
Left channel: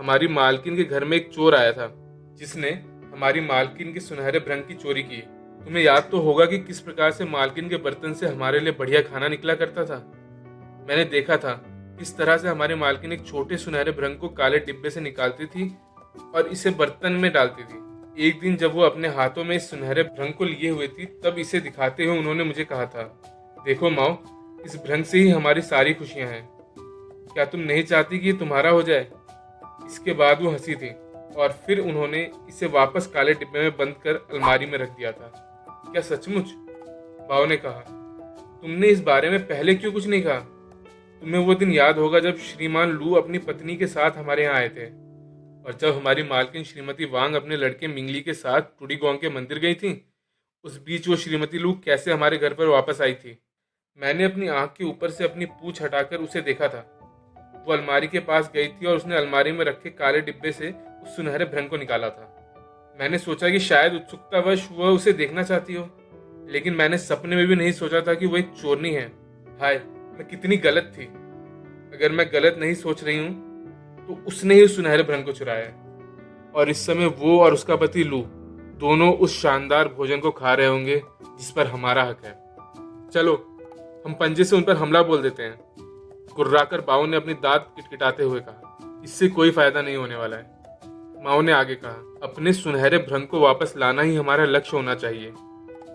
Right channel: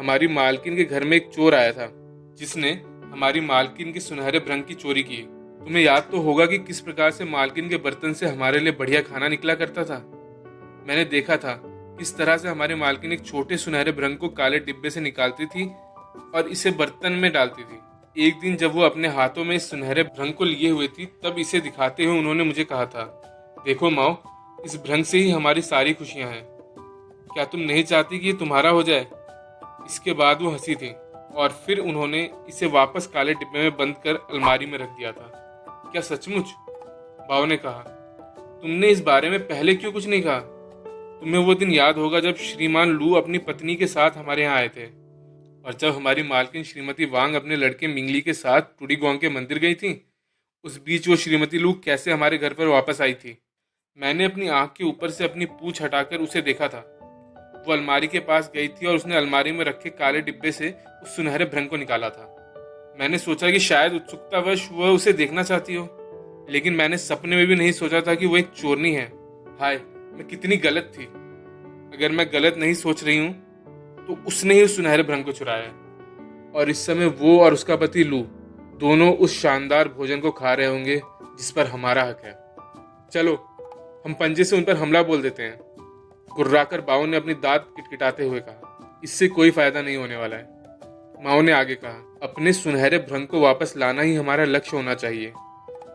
हमारी मालकिन के घर में एक चोर आया था, जिसने हमारी मालकिन के सुनहरे भ्रंग की चोरी की। तुम्हें याद तो होगा कि किस प्रकार से मालकिन के बर्तन से हमारे लिए बढ़िया खाना निकला करता था। मैंने देखा था किस तरह से हमारी मालकिन एक छोटे सुनहरे भ्रंग को काले डिब्बे से निकालती थी और इसे बर्तन में डालती थी। एक दिन जब वो अपने हाथों में इस सुनहरे भ्रंग को लिए हुए थी, तब इसे दिखाते हुए उन्होंने मुझे कहा था, देखो माओ, इस भ्रंग से ही हमारी सारी खुशियां हैं। क्या तुम नहीं चाहती कि ये तुम्हारा हो जाए? इसके बाद वो हंसी थी, और फिर उन्होंने इसे वापस काले डिब्बे में बंद कर अलमारी में रख दिया था। क्या सचमुच? बाव ने कहा। तुमने इस बारे में पहले क्यों कुछ नहीं कहा? तुम्हें वो दिन याद होगा जब श्रीमान लू अपनी पत्नी के साथ हमारे यहाँ आए थे, और जब हमारी मालकिन श्रीमती वांग अपने लड़के मिंगली के साथ टूडी गोंग के मंदिर गई थी। उस बीच वो श्रीमती लू कैसे हमारे घर पर वापस आई थी। मैंने अपनी आंख के ऊपर से अपनी पूंछ हटाकर उसे देखा था। वो अलमारी के पास गई थी और उसने अलमारी में रखे काले डिब्बे से उस सुनहरे भ्रंग को निकाला था। मैंने सोचा कि शायद उत्सुकतावश वह उसे देखना चाहती हो, लेकिन मैंने सपने में भी नहीं सोचा था कि वो एक चोरनी है। हाय, मैं कितनी गलत थी। अगर मैं गलत नहीं सोच रही हूँ तो उसने ही उस सुनहरे भ्रंग को चुराया है, और इस समय वो और उसका पति लू दोनों उस शानदार भोजन को खा रहे होंगे जिस पर हमारा हक है। चलो, हम पंजे से उन पर हमला बोल देते हैं। गुर्राकर बाव ने अपनी दांत किटकिटाते हुए कहा। इससे कोई फायदा नहीं होने वाला है, माओ ने आगे कहा। अपने सुनहरे भ्रंग को वापस लाना ही हमारा लक्ष्य होना चाहिए,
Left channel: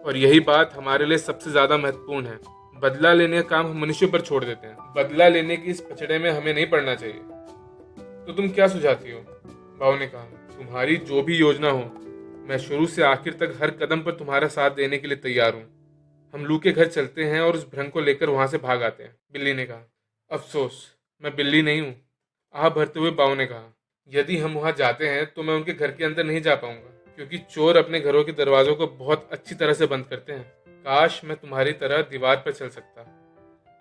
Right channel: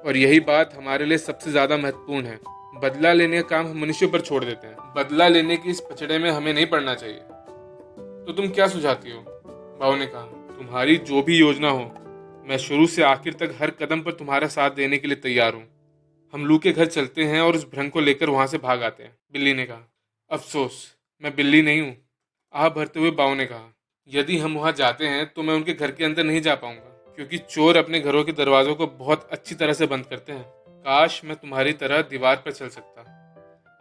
और यही बात हमारे लिए सबसे ज्यादा महत्वपूर्ण है। बदला लेने का काम हम मनुष्य पर छोड़ देते हैं। बदला लेने की इस पचड़े में हमें नहीं पड़ना चाहिए। तो तुम क्या सुझाती हो? बाव ने कहा। तुम्हारी जो भी योजना हो, मैं शुरू से आखिर तक हर कदम पर तुम्हारा साथ देने के लिए तैयार हूँ। हम लू के घर चलते हैं और उस भ्रंग को लेकर वहां से भाग आते हैं, बिल्ली ने कहा। अफसोस, मैं बिल्ली नहीं हूँ, आह भरते हुए बाव ने कहा। यदि हम वहां जाते हैं तो मैं उनके घर के अंदर नहीं जा पाऊंगा, क्योंकि चोर अपने घरों के दरवाजों को बहुत अच्छी तरह से बंद करते हैं। काश मैं तुम्हारी तरह दीवार पर चल सकता।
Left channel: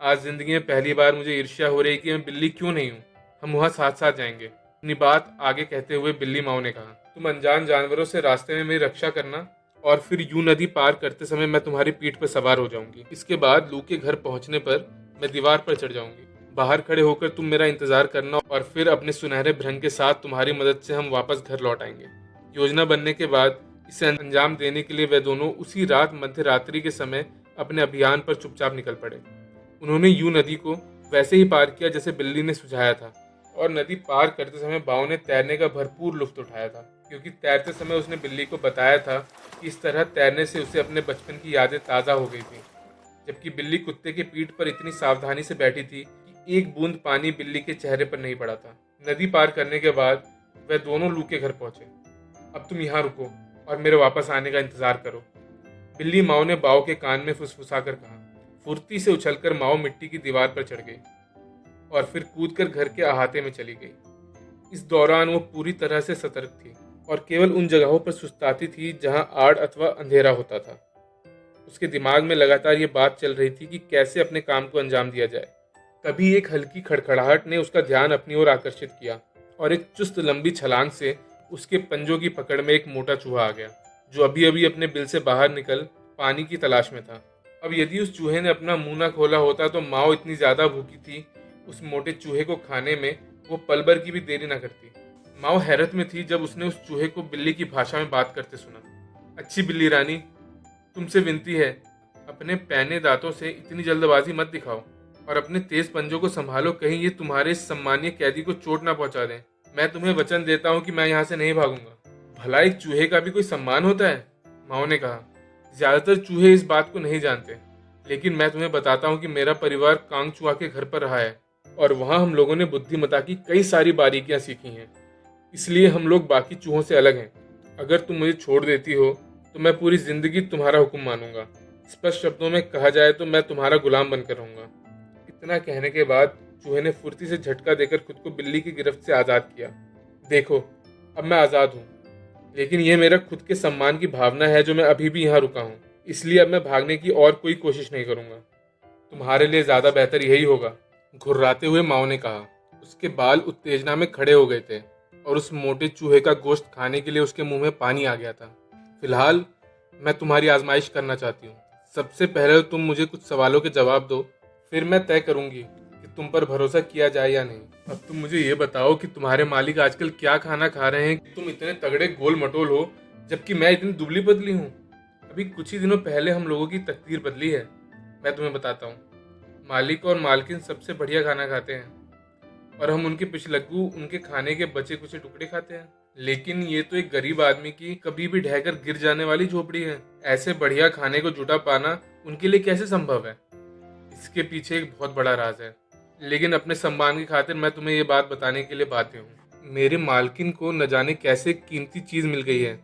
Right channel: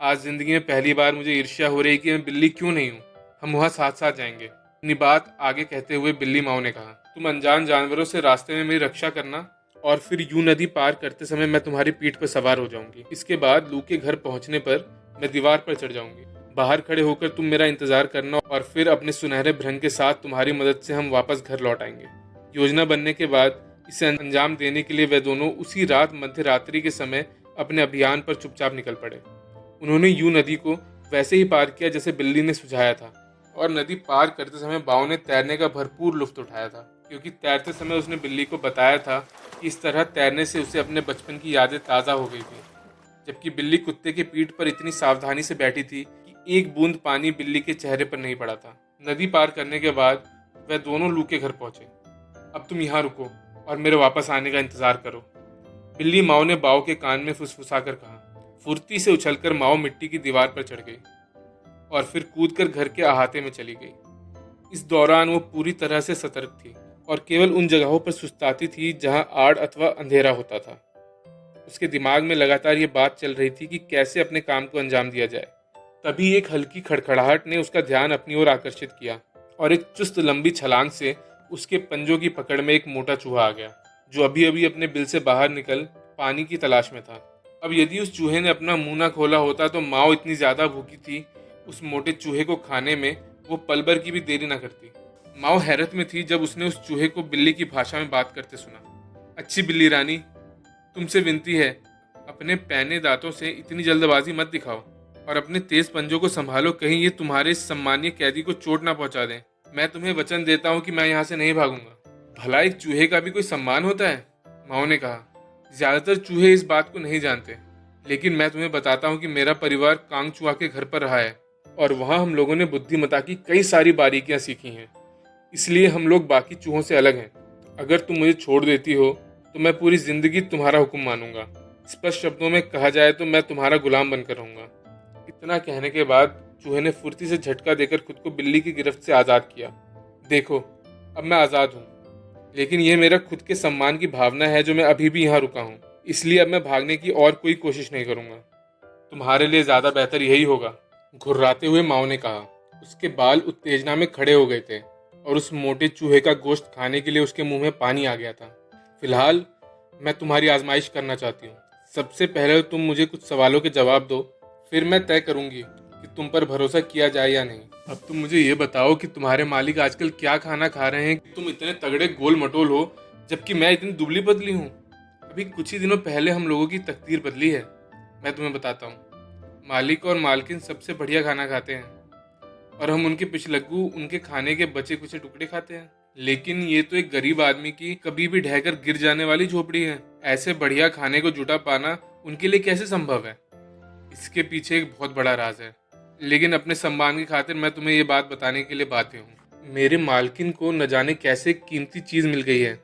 आज जिंदगी में पहली बार मुझे ईर्ष्या हो रही कि मैं बिल्ली क्यों नहीं हूँ। हम वहाँ साथ साथ जाएंगे। अपनी बात आगे कहते हुए बिल्ली माँ ने कहा, तुम अनजान जानवरों से रास्ते में मेरी रक्षा करना, और फिर यूं नदी पार करते समय मैं तुम्हारी पीठ पर सवार हो जाऊंगी। इसके बाद लू के घर पहुंचने पर मैं दीवार पर चढ़ जाऊंगी। बाहर खड़े होकर तुम मेरा इंतजार करना, और फिर अपने सुनहरे भ्रंग के साथ तुम्हारी मदद से हम वापस घर लौट आएंगे। योजना बनने के बाद इसे अंजाम देने के लिए वे दोनों उसी रात मध्य रात्रि के समय अपने अभियान पर चुपचाप निकल पड़े। उन्होंने यूं नदी को वैसे ही पार किया जैसे बिल्ली ने सुझाया था, और नदी पार करते समय बाव ने तैरने का भरपूर लुत्फ उठाया था, क्योंकि तैरते समय उसने बिल्ली को बताया था कि इस तरह तैरने से उसे अपने बचपन की यादें ताज़ा हो गई थी। जबकि बिल्ली कुत्ते के पीठ पर इतनी सावधानी से बैठी थी कि एक बूंद पानी बिल्ली के चेहरे पर नहीं पड़ा था। नदी पार करने के बाद वह दोनों लू के घर पहुंचे। अब तुम यहाँ रुको और मेरे वापस आने का इंतजार करो, बिल्ली माओ ने बाव के कान में फुसफुसाकर कहा। फुर्ती से उछलकर माओ मिट्टी की दीवार पर चढ़ गई और फिर कूदकर घर के अहाते में चली गई। इस दौरान वो पूरी तरह से सतर्क थी और केवल उन जगहों पर सुस्ताती थी जहां आड़ अथवा अंधेरा होता था। उसके दिमाग में लगातार ये बात चल रही थी कि कैसे अपने काम को अंजाम दिया जाए। तभी एक हल्की खड़खड़ाहट ने उसका ध्यान अपनी ओर आकर्षित किया और एक चुस्त लंबी छलांग से उसके पंजों की पकड़ में एक मोटा चूहा आ गया, जो अभी अभी अपने बिल से बाहर निकल पानी की तलाश में था। अब यदि उस चूहे ने अपना मुंह न खोला होता तो माओ इतनी ज्यादा भूखी थी उस मोटे चूहे को खाने में वो पल भर की भी देरी न करती। माओ हैरत में थी जब उसने उस चूहे को बिल्ली की भाषा में बात करते सुना। अच्छी बिल्ली रानी, तुमसे विनती है, अपने पैने दांतों से इतनी जल्दबाजी मत दिखाओ और अपने तेज पंजों को संभालो, कहीं ये तुम्हारे सम्मानीय कैदी को चोट ना पहुंचा दें। मैं तुम्हें वचन देता हूँ कि मैं यहाँ से नहीं भागूंगा। भला एक चूहे का भी कोई सम्मान होता है? माओ ने कहा। ज्यादातर चूहे इस बात को नहीं जानते, लेकिन मैं तुम्हें बताता हूँ कि मेरा परिवार कांगचुआ के घर पर रहा है और वहाँ हम लोगों ने बुद्धिमत्ता की कई सारी बारीकियां सीखी हैं। इसलिए हम लोग बाकी चूहों से अलग हैं। अगर तुम मुझे छोड़ देती हो तो मैं पूरी जिंदगी तुम्हारा हुक्म मानूंगा। स्पष्ट शब्दों में कहा जाए तो मैं तुम्हारा गुलाम बनकर रहूंगा। इतना कहने के बाद चूहे ने फुर्ती से झटका देकर खुद को बिल्ली की गिरफ्त से आजाद किया। देखो, अब मैं आजाद हूँ, लेकिन यह मेरा खुद के सम्मान की भावना है जो मैं अभी भी यहाँ रुका हूँ। इसलिए अब मैं भागने की और कोई कोशिश नहीं करूंगा। तुम्हारे लिए ज्यादा बेहतर यही होगा, घुर्राते हुए माओ ने कहा। उसके बाल उत्तेजना में खड़े हो गए थे और उस मोटे चूहे का गोश्त खाने के लिए उसके मुंह में पानी आ गया था। फिलहाल मैं तुम्हारी आजमाइश करना चाहती हूँ। सबसे पहले तुम मुझे कुछ सवालों के जवाब दो, फिर मैं तय करूंगी कि तुम पर भरोसा किया जाए या नहीं। अब तुम मुझे ये बताओ कि तुम्हारे मालिक आजकल क्या खाना खा रहे हैं, तुम इतने तगड़े गोल मटोल हो जबकि मैं इतनी दुबली पतली हूँ। अभी कुछ ही दिनों पहले हम लोगों की तकदीर बदली है। मैं तुम्हें बताता हूँ, मालिक और मालकिन सबसे बढ़िया खाना खाते हैं और हम उनके पिछलग्गू उनके खाने के बचे कुछ टुकड़े खाते हैं। लेकिन ये तो एक गरीब आदमी की कभी भी ढहकर गिर जाने वाली झोपड़ी है। ऐसे बढ़िया खाने को जुटा पाना उनके लिए कैसे संभव है? इसके पीछे एक बहुत बड़ा राज है, लेकिन अपने सम्मान की खातिर मैं तुम्हें ये बात बताने के लिए बाध्य हूँ। मेरे मालकिन को न जाने कैसे कीमती चीज मिल गई है,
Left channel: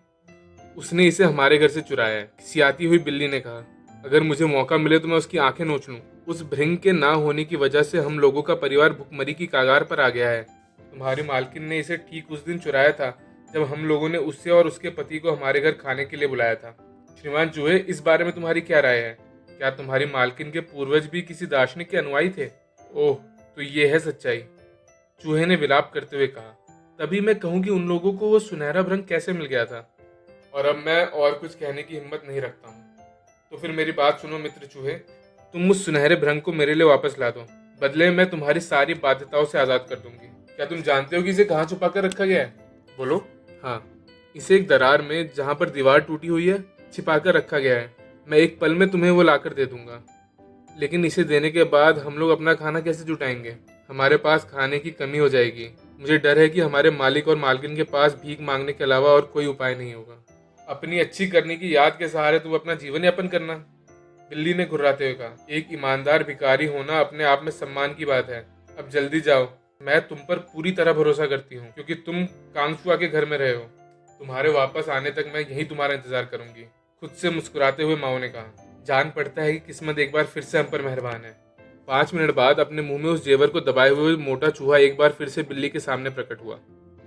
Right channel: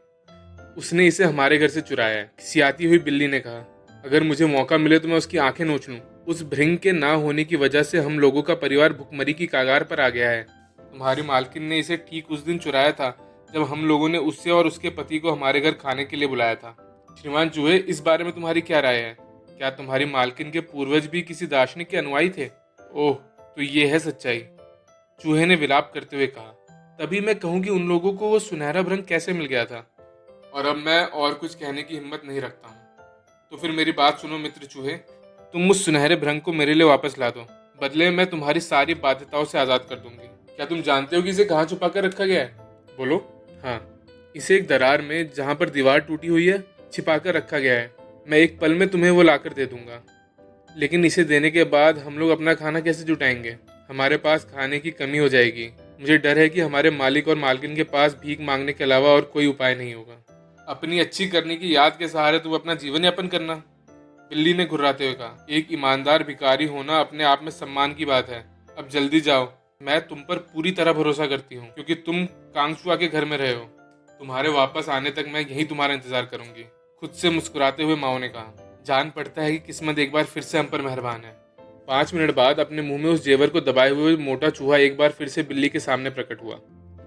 उसने इसे हमारे घर से चुराया है। खिसियाती हुई बिल्ली ने कहा। अगर मुझे मौका मिले तो मैं उसकी आंखें नोच लूं। उस भृंग के ना होने की वजह से हम लोगों का परिवार भुखमरी की कागार पर आ गया है। तुम्हारी मालकिन ने इसे ठीक उस दिन चुराया था जब हम लोगों ने उससे और उसके पति को हमारे घर खाने के लिए बुलाया था। श्रीमान चूहे, इस बारे में तुम्हारी क्या राय है? क्या तुम्हारी मालकिन के पूर्वज भी किसी दार्शनिक के अनुयायी थे? ओह, तो ये है सच्चाई, चूहे ने विलाप करते हुए कहा। तभी मैं कहूँ कि उन लोगों को वो सुनहरा भ्रंग कैसे मिल गया था। और अब मैं और कुछ कहने की हिम्मत नहीं रखता हूँ। तो फिर मेरी बात सुनो मित्र चूहे, तुम उस सुनहरे भ्रंग को मेरे लिए वापस ला दो, बदले में तुम्हारी सारी बाध्यताओं से आजाद कर दूंगी। क्या तुम जानते हो कि इसे कहाँ छुपा कर रखा गया है? बोलो। हाँ, इसे एक दरार में जहाँ पर दीवार टूटी हुई है छिपा कर रखा गया है। मैं एक पल में तुम्हें वो लाकर दे दूंगा, लेकिन इसे देने के बाद हम लोग अपना खाना कैसे जुटाएंगे? हमारे पास खाने की कमी हो जाएगी। मुझे डर है कि हमारे मालिक और मालकिन के पास भीख मांगने के अलावा और कोई उपाय नहीं होगा। अपनी अच्छी करने की याद के सहारे तुम अपना जीवन यापन करना, बिल्ली ने घुर्राते हुए कहा। एक ईमानदार भिखारी होना अपने आप में सम्मान की बात है। अब जल्दी जाओ, मैं तुम पर पूरी तरह भरोसा करती हूँ क्योंकि तुम कांगचुआ के घर में रहे हो। तुम्हारे वापस आने तक मैं यही तुम्हारा इंतजार करूंगी, खुद से मुस्कुराते हुए माओ ने कहा। जान पड़ता है कि किस्मत एक बार फिर से हम पर मेहरबान है। 5 मिनट बाद अपने मुंह में उस जेवर को दबाए हुए मोटा चूहा एक बार फिर से बिल्ली के सामने प्रकट हुआ।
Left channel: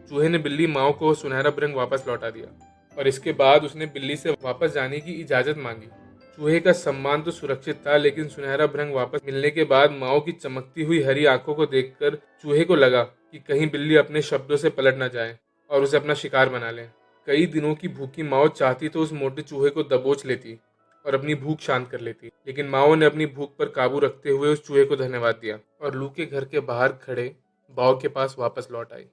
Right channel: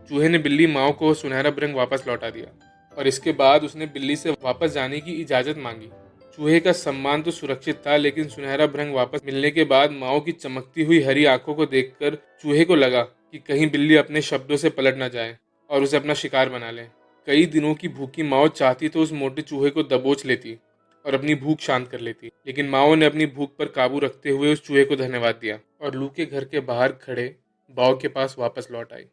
चूहे ने बिल्ली माओ को सुनहरा भृंग वापस लौटा दिया और इसके बाद उसने बिल्ली से वापस जाने की इजाजत मांगी। चूहे का सम्मान तो सुरक्षित था, लेकिन सुनहरा भृंग वापस मिलने के बाद माओ की चमकती हुई हरी आंखों को देखकर चूहे को लगा कि कहीं बिल्ली अपने शब्दों से पलट न जाए और उसे अपना शिकार बना ले। कई दिनों की भूखी माओ चाहती तो उस मोटे चूहे को दबोच लेती और अपनी भूख शांत कर लेती, लेकिन माओ ने अपनी भूख पर काबू रखते हुए उस चूहे को धन्यवाद दिया और लू के घर के बाहर खड़े बाव के पास वापस लौट आई।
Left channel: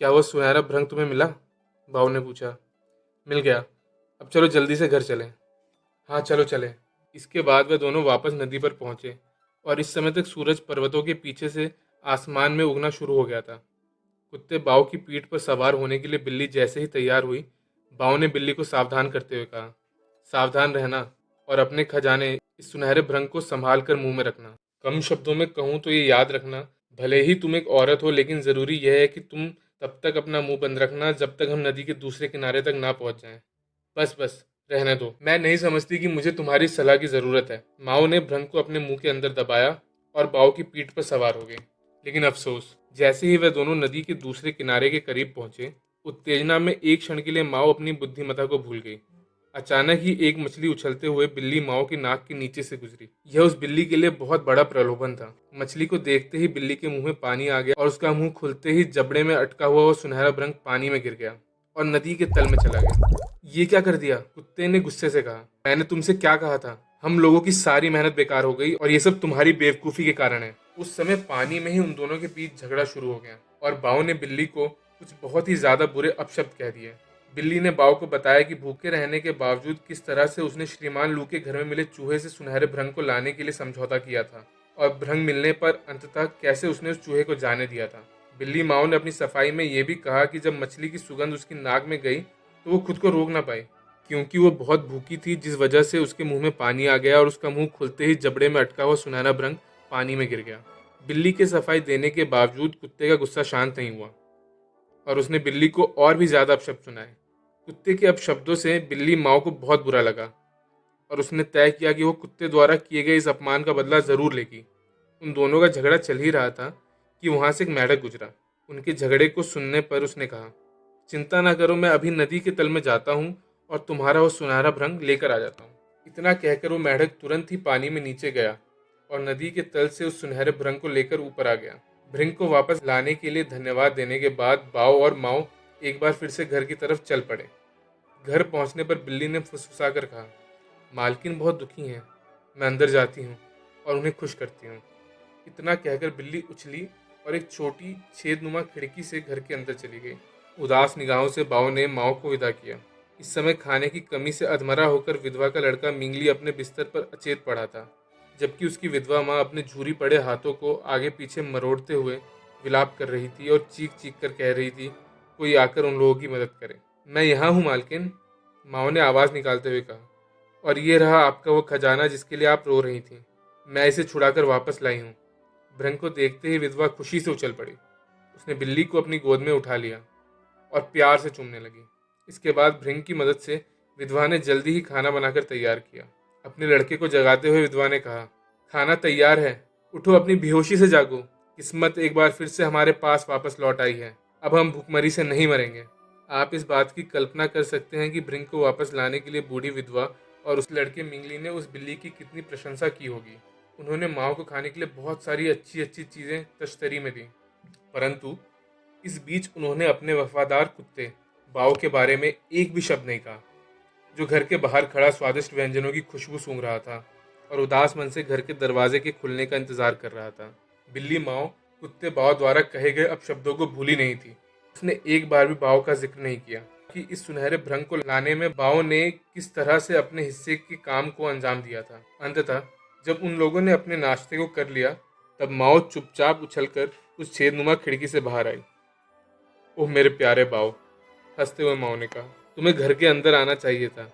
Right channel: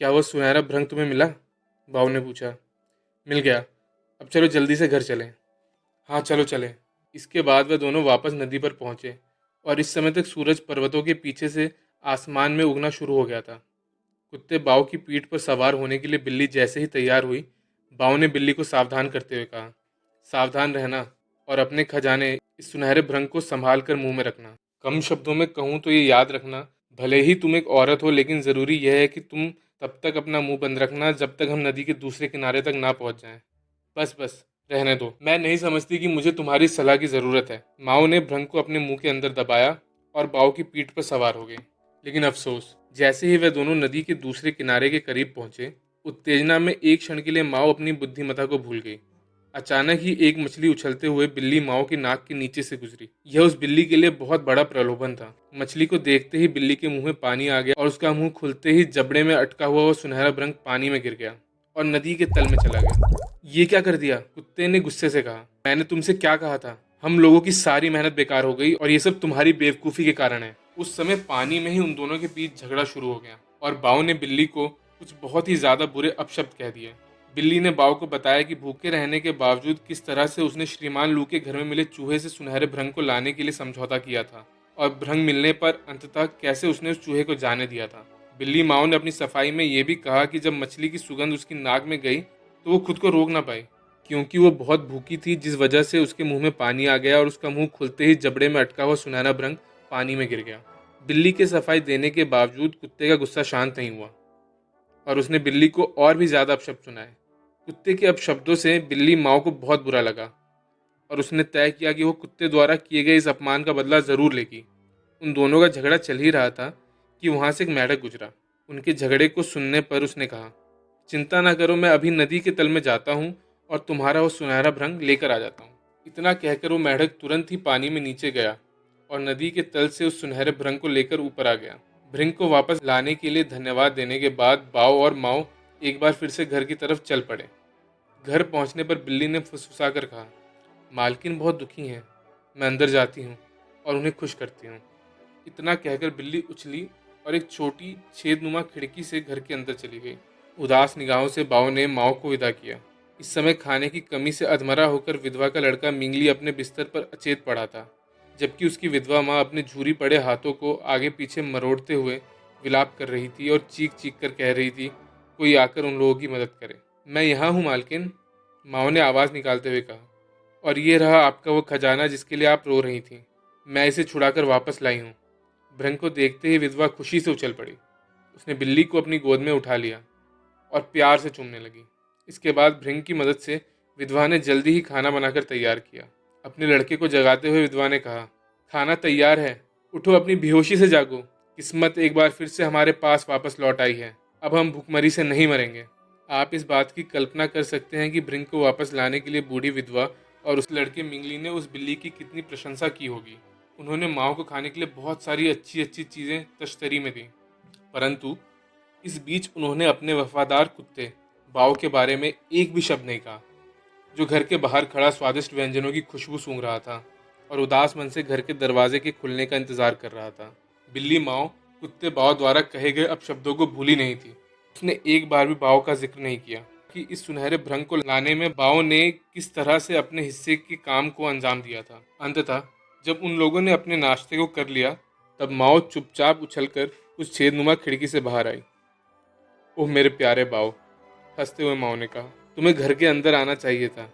क्या वो सुनहरा भृंग तुम्हें मिला? बाव ने पूछा। मिल गया। अब चलो जल्दी से घर चलें। हाँ चलो चले। इसके बाद वे दोनों वापस नदी पर पहुंचे और इस समय तक सूरज पर्वतों के पीछे से आसमान में उगना शुरू हो गया था। कुत्ते बाव की पीठ पर सवार होने के लिए बिल्ली जैसे ही तैयार हुई, बाव ने बिल्ली को सावधान करते हुए कहा, सावधान रहना और अपने खजाने इस सुनहरे भृंग को संभाल कर मुंह में रखना। कम शब्दों में कहूँ तो ये याद रखना, भले ही तुम एक औरत हो, लेकिन ज़रूरी यह है कि तुम तब तक अपना मुंह बंद रखना जब तक हम नदी के दूसरे किनारे तक ना पहुंच जाएं। बस बस रहने दो, मैं नहीं समझती कि मुझे तुम्हारी सलाह की ज़रूरत है। माओ ने भृंग को अपने मुंह के अंदर दबाया और बाव की पीठ पर सवार हो गई। लेकिन अफसोस, जैसे ही वे दोनों नदी के दूसरे किनारे के करीब पहुंचे, उत्तेजना में एक क्षण के लिए माओ अपनी बुद्धिमत्ता को भूल गई। अचानक ही एक मछली उछलते हुए बिल्ली माओ के नाक के नीचे से गुजरी। यह उस बिल्ली के लिए बहुत बड़ा प्रलोभन था। मछली को देखते ही बिल्ली के मुंह में पानी आ गया और उसका मुंह खुलते ही जबड़े में अटका हुआ वो सुनहरा भृंग पानी में गिर गया और नदी के तल में चला गया। ये क्या कर दिया? कुत्ते ने गुस्से से कहा। मैंने तुमसे क्या कहा था? हम लोगों की सारी मेहनत बेकार हो गई और ये सब तुम्हारी बेवकूफ़ी के कारण है। उस समय पानी में ही उन दोनों के बीच झगड़ा शुरू हो गया और बाव ने बिल्ली को कुछ बहुत ही ज्यादा बुरे अपशब्द कह दिए। बिल्ली ने बाव को बताया कि भूखे रहने के बावजूद किस तरह से उसने श्रीमान लू के घर में मिले चूहे से सुनहरे भृंग को लाने के लिए समझौता किया था और भृंग मिलने पर अंततः कैसे उसने उस चूहे को जाने दिया था। बिल्ली माओ ने अपनी सफाई में यह भी कहा कि जब मछली की सुगंध उसकी नाक में गई तो वो खुद को रोक ना पाई, क्योंकि वो बहुत भूखी थी, जिस वजह से उसके मुंह में पानी आ गया और उसका मुंह खुलते ही जबड़े में अटका हुआ सुनहरा भृंग पानी में गिर गया। बिल्ली के सफाई देने के बावजूद कुत्ते का गुस्सा शांत नहीं हुआ और उसने बिल्ली को और भी ज्यादा अपशब्द सुनाए। कुत्ते के अपशब्दों से बिल्ली माओ को बहुत बुरा लगा और उसने तय किया कि वो कुत्ते द्वारा किए गए इस अपमान का बदला जरूर लेगी। उन दोनों का झगड़ा चल ही रहा था कि वहां से एक मेंढक गुजरा। उनके झगड़े को सुनने पर उसने कहा, चिंता ना करो, मैं अभी नदी के तल में जाता हूँ और तुम्हारा वो सुनहरा भृंग लेकर आ जाता हूँ। इतना कहकर वो मेंढक तुरंत ही पानी में नीचे गया और नदी के तल से उस सुनहरे भृंग को लेकर ऊपर आ गया। भृंग को वापस लाने के लिए धन्यवाद देने के बाद बाव और माओ एक बार फिर से घर की तरफ चल पड़े। घर पहुंचने पर बिल्ली ने फुसफुसाकर कहा, मालकिन बहुत दुखी हैं, मैं अंदर जाती हूँ और उन्हें खुश करती हूँ। इतना कहकर बिल्ली उछली और एक छोटी छेदनुमा खिड़की से घर के अंदर चली गई। उदास निगाहों से बाव ने माओ को विदा किया। इस समय खाने की कमी से अधमरा होकर विधवा का लड़का मिंगली अपने बिस्तर पर अचेत पड़ा था, जबकि उसकी विधवा माँ अपने झूरी पड़े हाथों को आगे पीछे मरोड़ते हुए विलाप कर रही थी और चीख चीख कर कह रही थी, कोई आकर उन लोगों की मदद करे। मैं यहाँ हूँ मालकिन, माओ ने आवाज़ निकालते हुए कहा, और ये रहा आपका वो खजाना जिसके लिए आप रो रही थी। मैं इसे छुड़ाकर वापस लाई हूँ। भृंग को देखते ही विधवा खुशी से उछल पड़ी। उसने बिल्ली को अपनी गोद में उठा लिया और प्यार से चूमने लगी। इसके बाद भृंग की मदद से विधवा ने जल्दी ही खाना बनाकर तैयार किया। अपने लड़के को जगाते हुए विधवा ने कहा, खाना तैयार है, उठो, अपनी बेहोशी से जागो। किस्मत एक बार फिर से हमारे पास वापस लौट आई है। अब हम भूखमरी से नहीं मरेंगे। आप इस बात की कल्पना कर सकते हैं कि भृंग को वापस लाने के लिए बूढ़ी विधवा और उस लड़के मिंगली ने उस बिल्ली की कितनी प्रशंसा की होगी। उन्होंने माओ को खाने के लिए बहुत सारी अच्छी अच्छी चीज़ें तश्तरी में दी, परंतु इस बीच उन्होंने अपने वफादार कुत्ते बाव के बारे में एक भी शब्द नहीं कहा, जो घर के बाहर खड़ा स्वादिष्ट व्यंजनों की खुशबू सूंघ रहा था और उदास मन से घर के दरवाजे के खुलने का इंतजार कर रहा था। बिल्ली माओ कुत्ते बाव द्वारा कहे गए अपशब्दों को भूली नहीं थी। उसने एक बार भी बाव का जिक्र नहीं किया कि इस सुनहरे भृंग को लाने में बाव ने किस तरह से अपने हिस्से के काम को अंजाम दिया था। अंततः जब उन लोगों ने अपने नाश्ते को कर लिया, तब माओ चुपचाप उछलकर उस छेदनुमा खिड़की से बाहर आई। ओह मेरे प्यारे बाव, हंसते हुए माओ ने कहा, तुम्हें घर के अंदर आना चाहिए था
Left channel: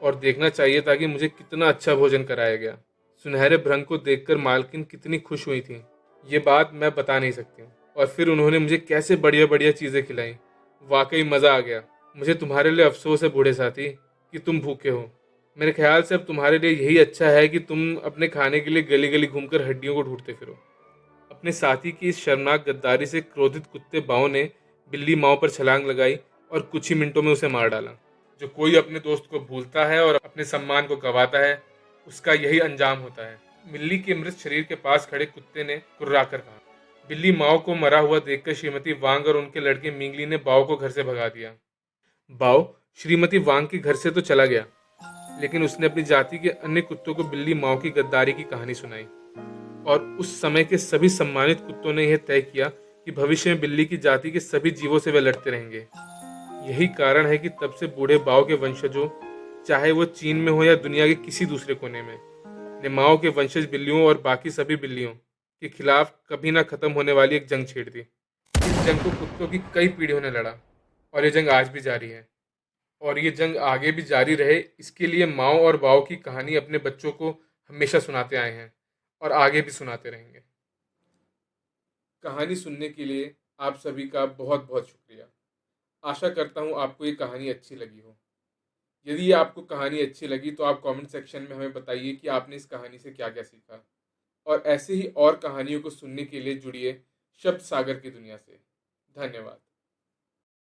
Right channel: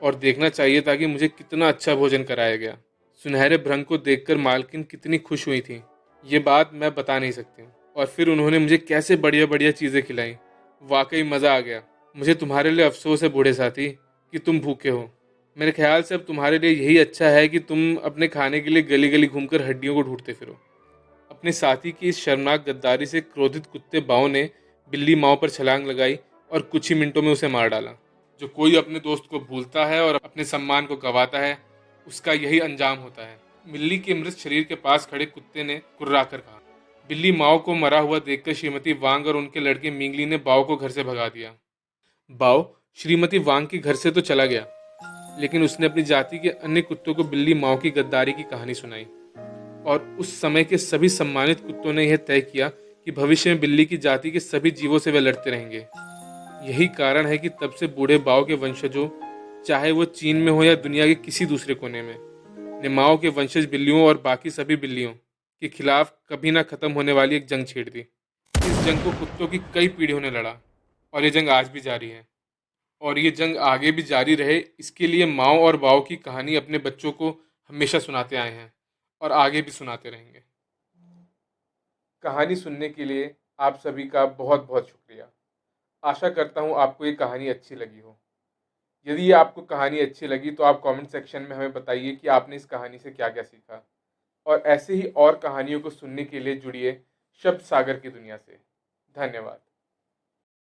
और देखना चाहिए था कि मुझे कितना अच्छा भोजन कराया गया। सुनहरे भृंग को देखकर मालकिन कितनी खुश हुई थी, ये बात मैं बता नहीं सकती। और फिर उन्होंने मुझे कैसे बढ़िया बढ़िया चीज़ें खिलाई। वाकई मज़ा आ गया। मुझे तुम्हारे लिए अफसोस है बूढ़े साथी कि तुम भूखे हो, मेरे ख्याल से अब तुम्हारे लिए यही अच्छा है कि तुम अपने खाने के लिए गली गली घूमकर हड्डियों को ढूंढते फिरो। अपने साथी की इस शर्मनाक गद्दारी से क्रोधित कुत्ते बाव ने बिल्ली माओ पर छलांग लगाई और कुछ ही मिनटों में उसे मार डाला। जो कोई अपने दोस्त को भूलता है और अपने सम्मान को गंवाता है, उसका यही अंजाम होता है। बिल्ली के मृत शरीर के पास खड़े कुत्ते ने कुर्राकर कहा। बिल्ली माओ को मरा हुआ देखकर श्रीमती वांग और उनके लड़के मिंगली ने बाव को घर से भगा दिया। बाव श्रीमती वांग के घर से तो चला गया, लेकिन उसने अपनी जाति के अन्य कुत्तों को बिल्ली माओ की गद्दारी की कहानी सुनाई। और उस समय के सभी सम्मानित कुत्तों ने यह तय किया कि भविष्य में बिल्ली की जाति के सभी जीवों से वे लड़ते रहेंगे। यही कारण है कि तब से बूढ़े बाओ के वंशजों, चाहे वो चीन में हो या दुनिया के किसी दूसरे कोने में, ने माओ के वंशज बिल्लियों और बाकी सभी बिल्लियों के खिलाफ कभी ना खत्म होने वाली एक जंग छेड़ दी। इस जंग को कुत्तों की कई पीढ़ियों ने लड़ा और ये जंग आज भी जारी है। और ये जंग आगे भी जारी रहे, इसके लिए माओ और बाओ की कहानी अपने बच्चों को हमेशा सुनाते आए हैं और आगे भी सुनाते रहेंगे। कहानी सुनने के लिए आप सभी का बहुत बहुत शुक्रिया। आशा करता हूँ आपको ये कहानी अच्छी लगी हो। यदि ये आपको कहानी अच्छी लगी तो आप कमेंट सेक्शन में हमें बताइए कि आपने इस कहानी से क्या क्या सीखा। और ऐसे ही और कहानियों को सुनने के लिए जुड़िए शब्द सागर की दुनिया से। धन्यवाद।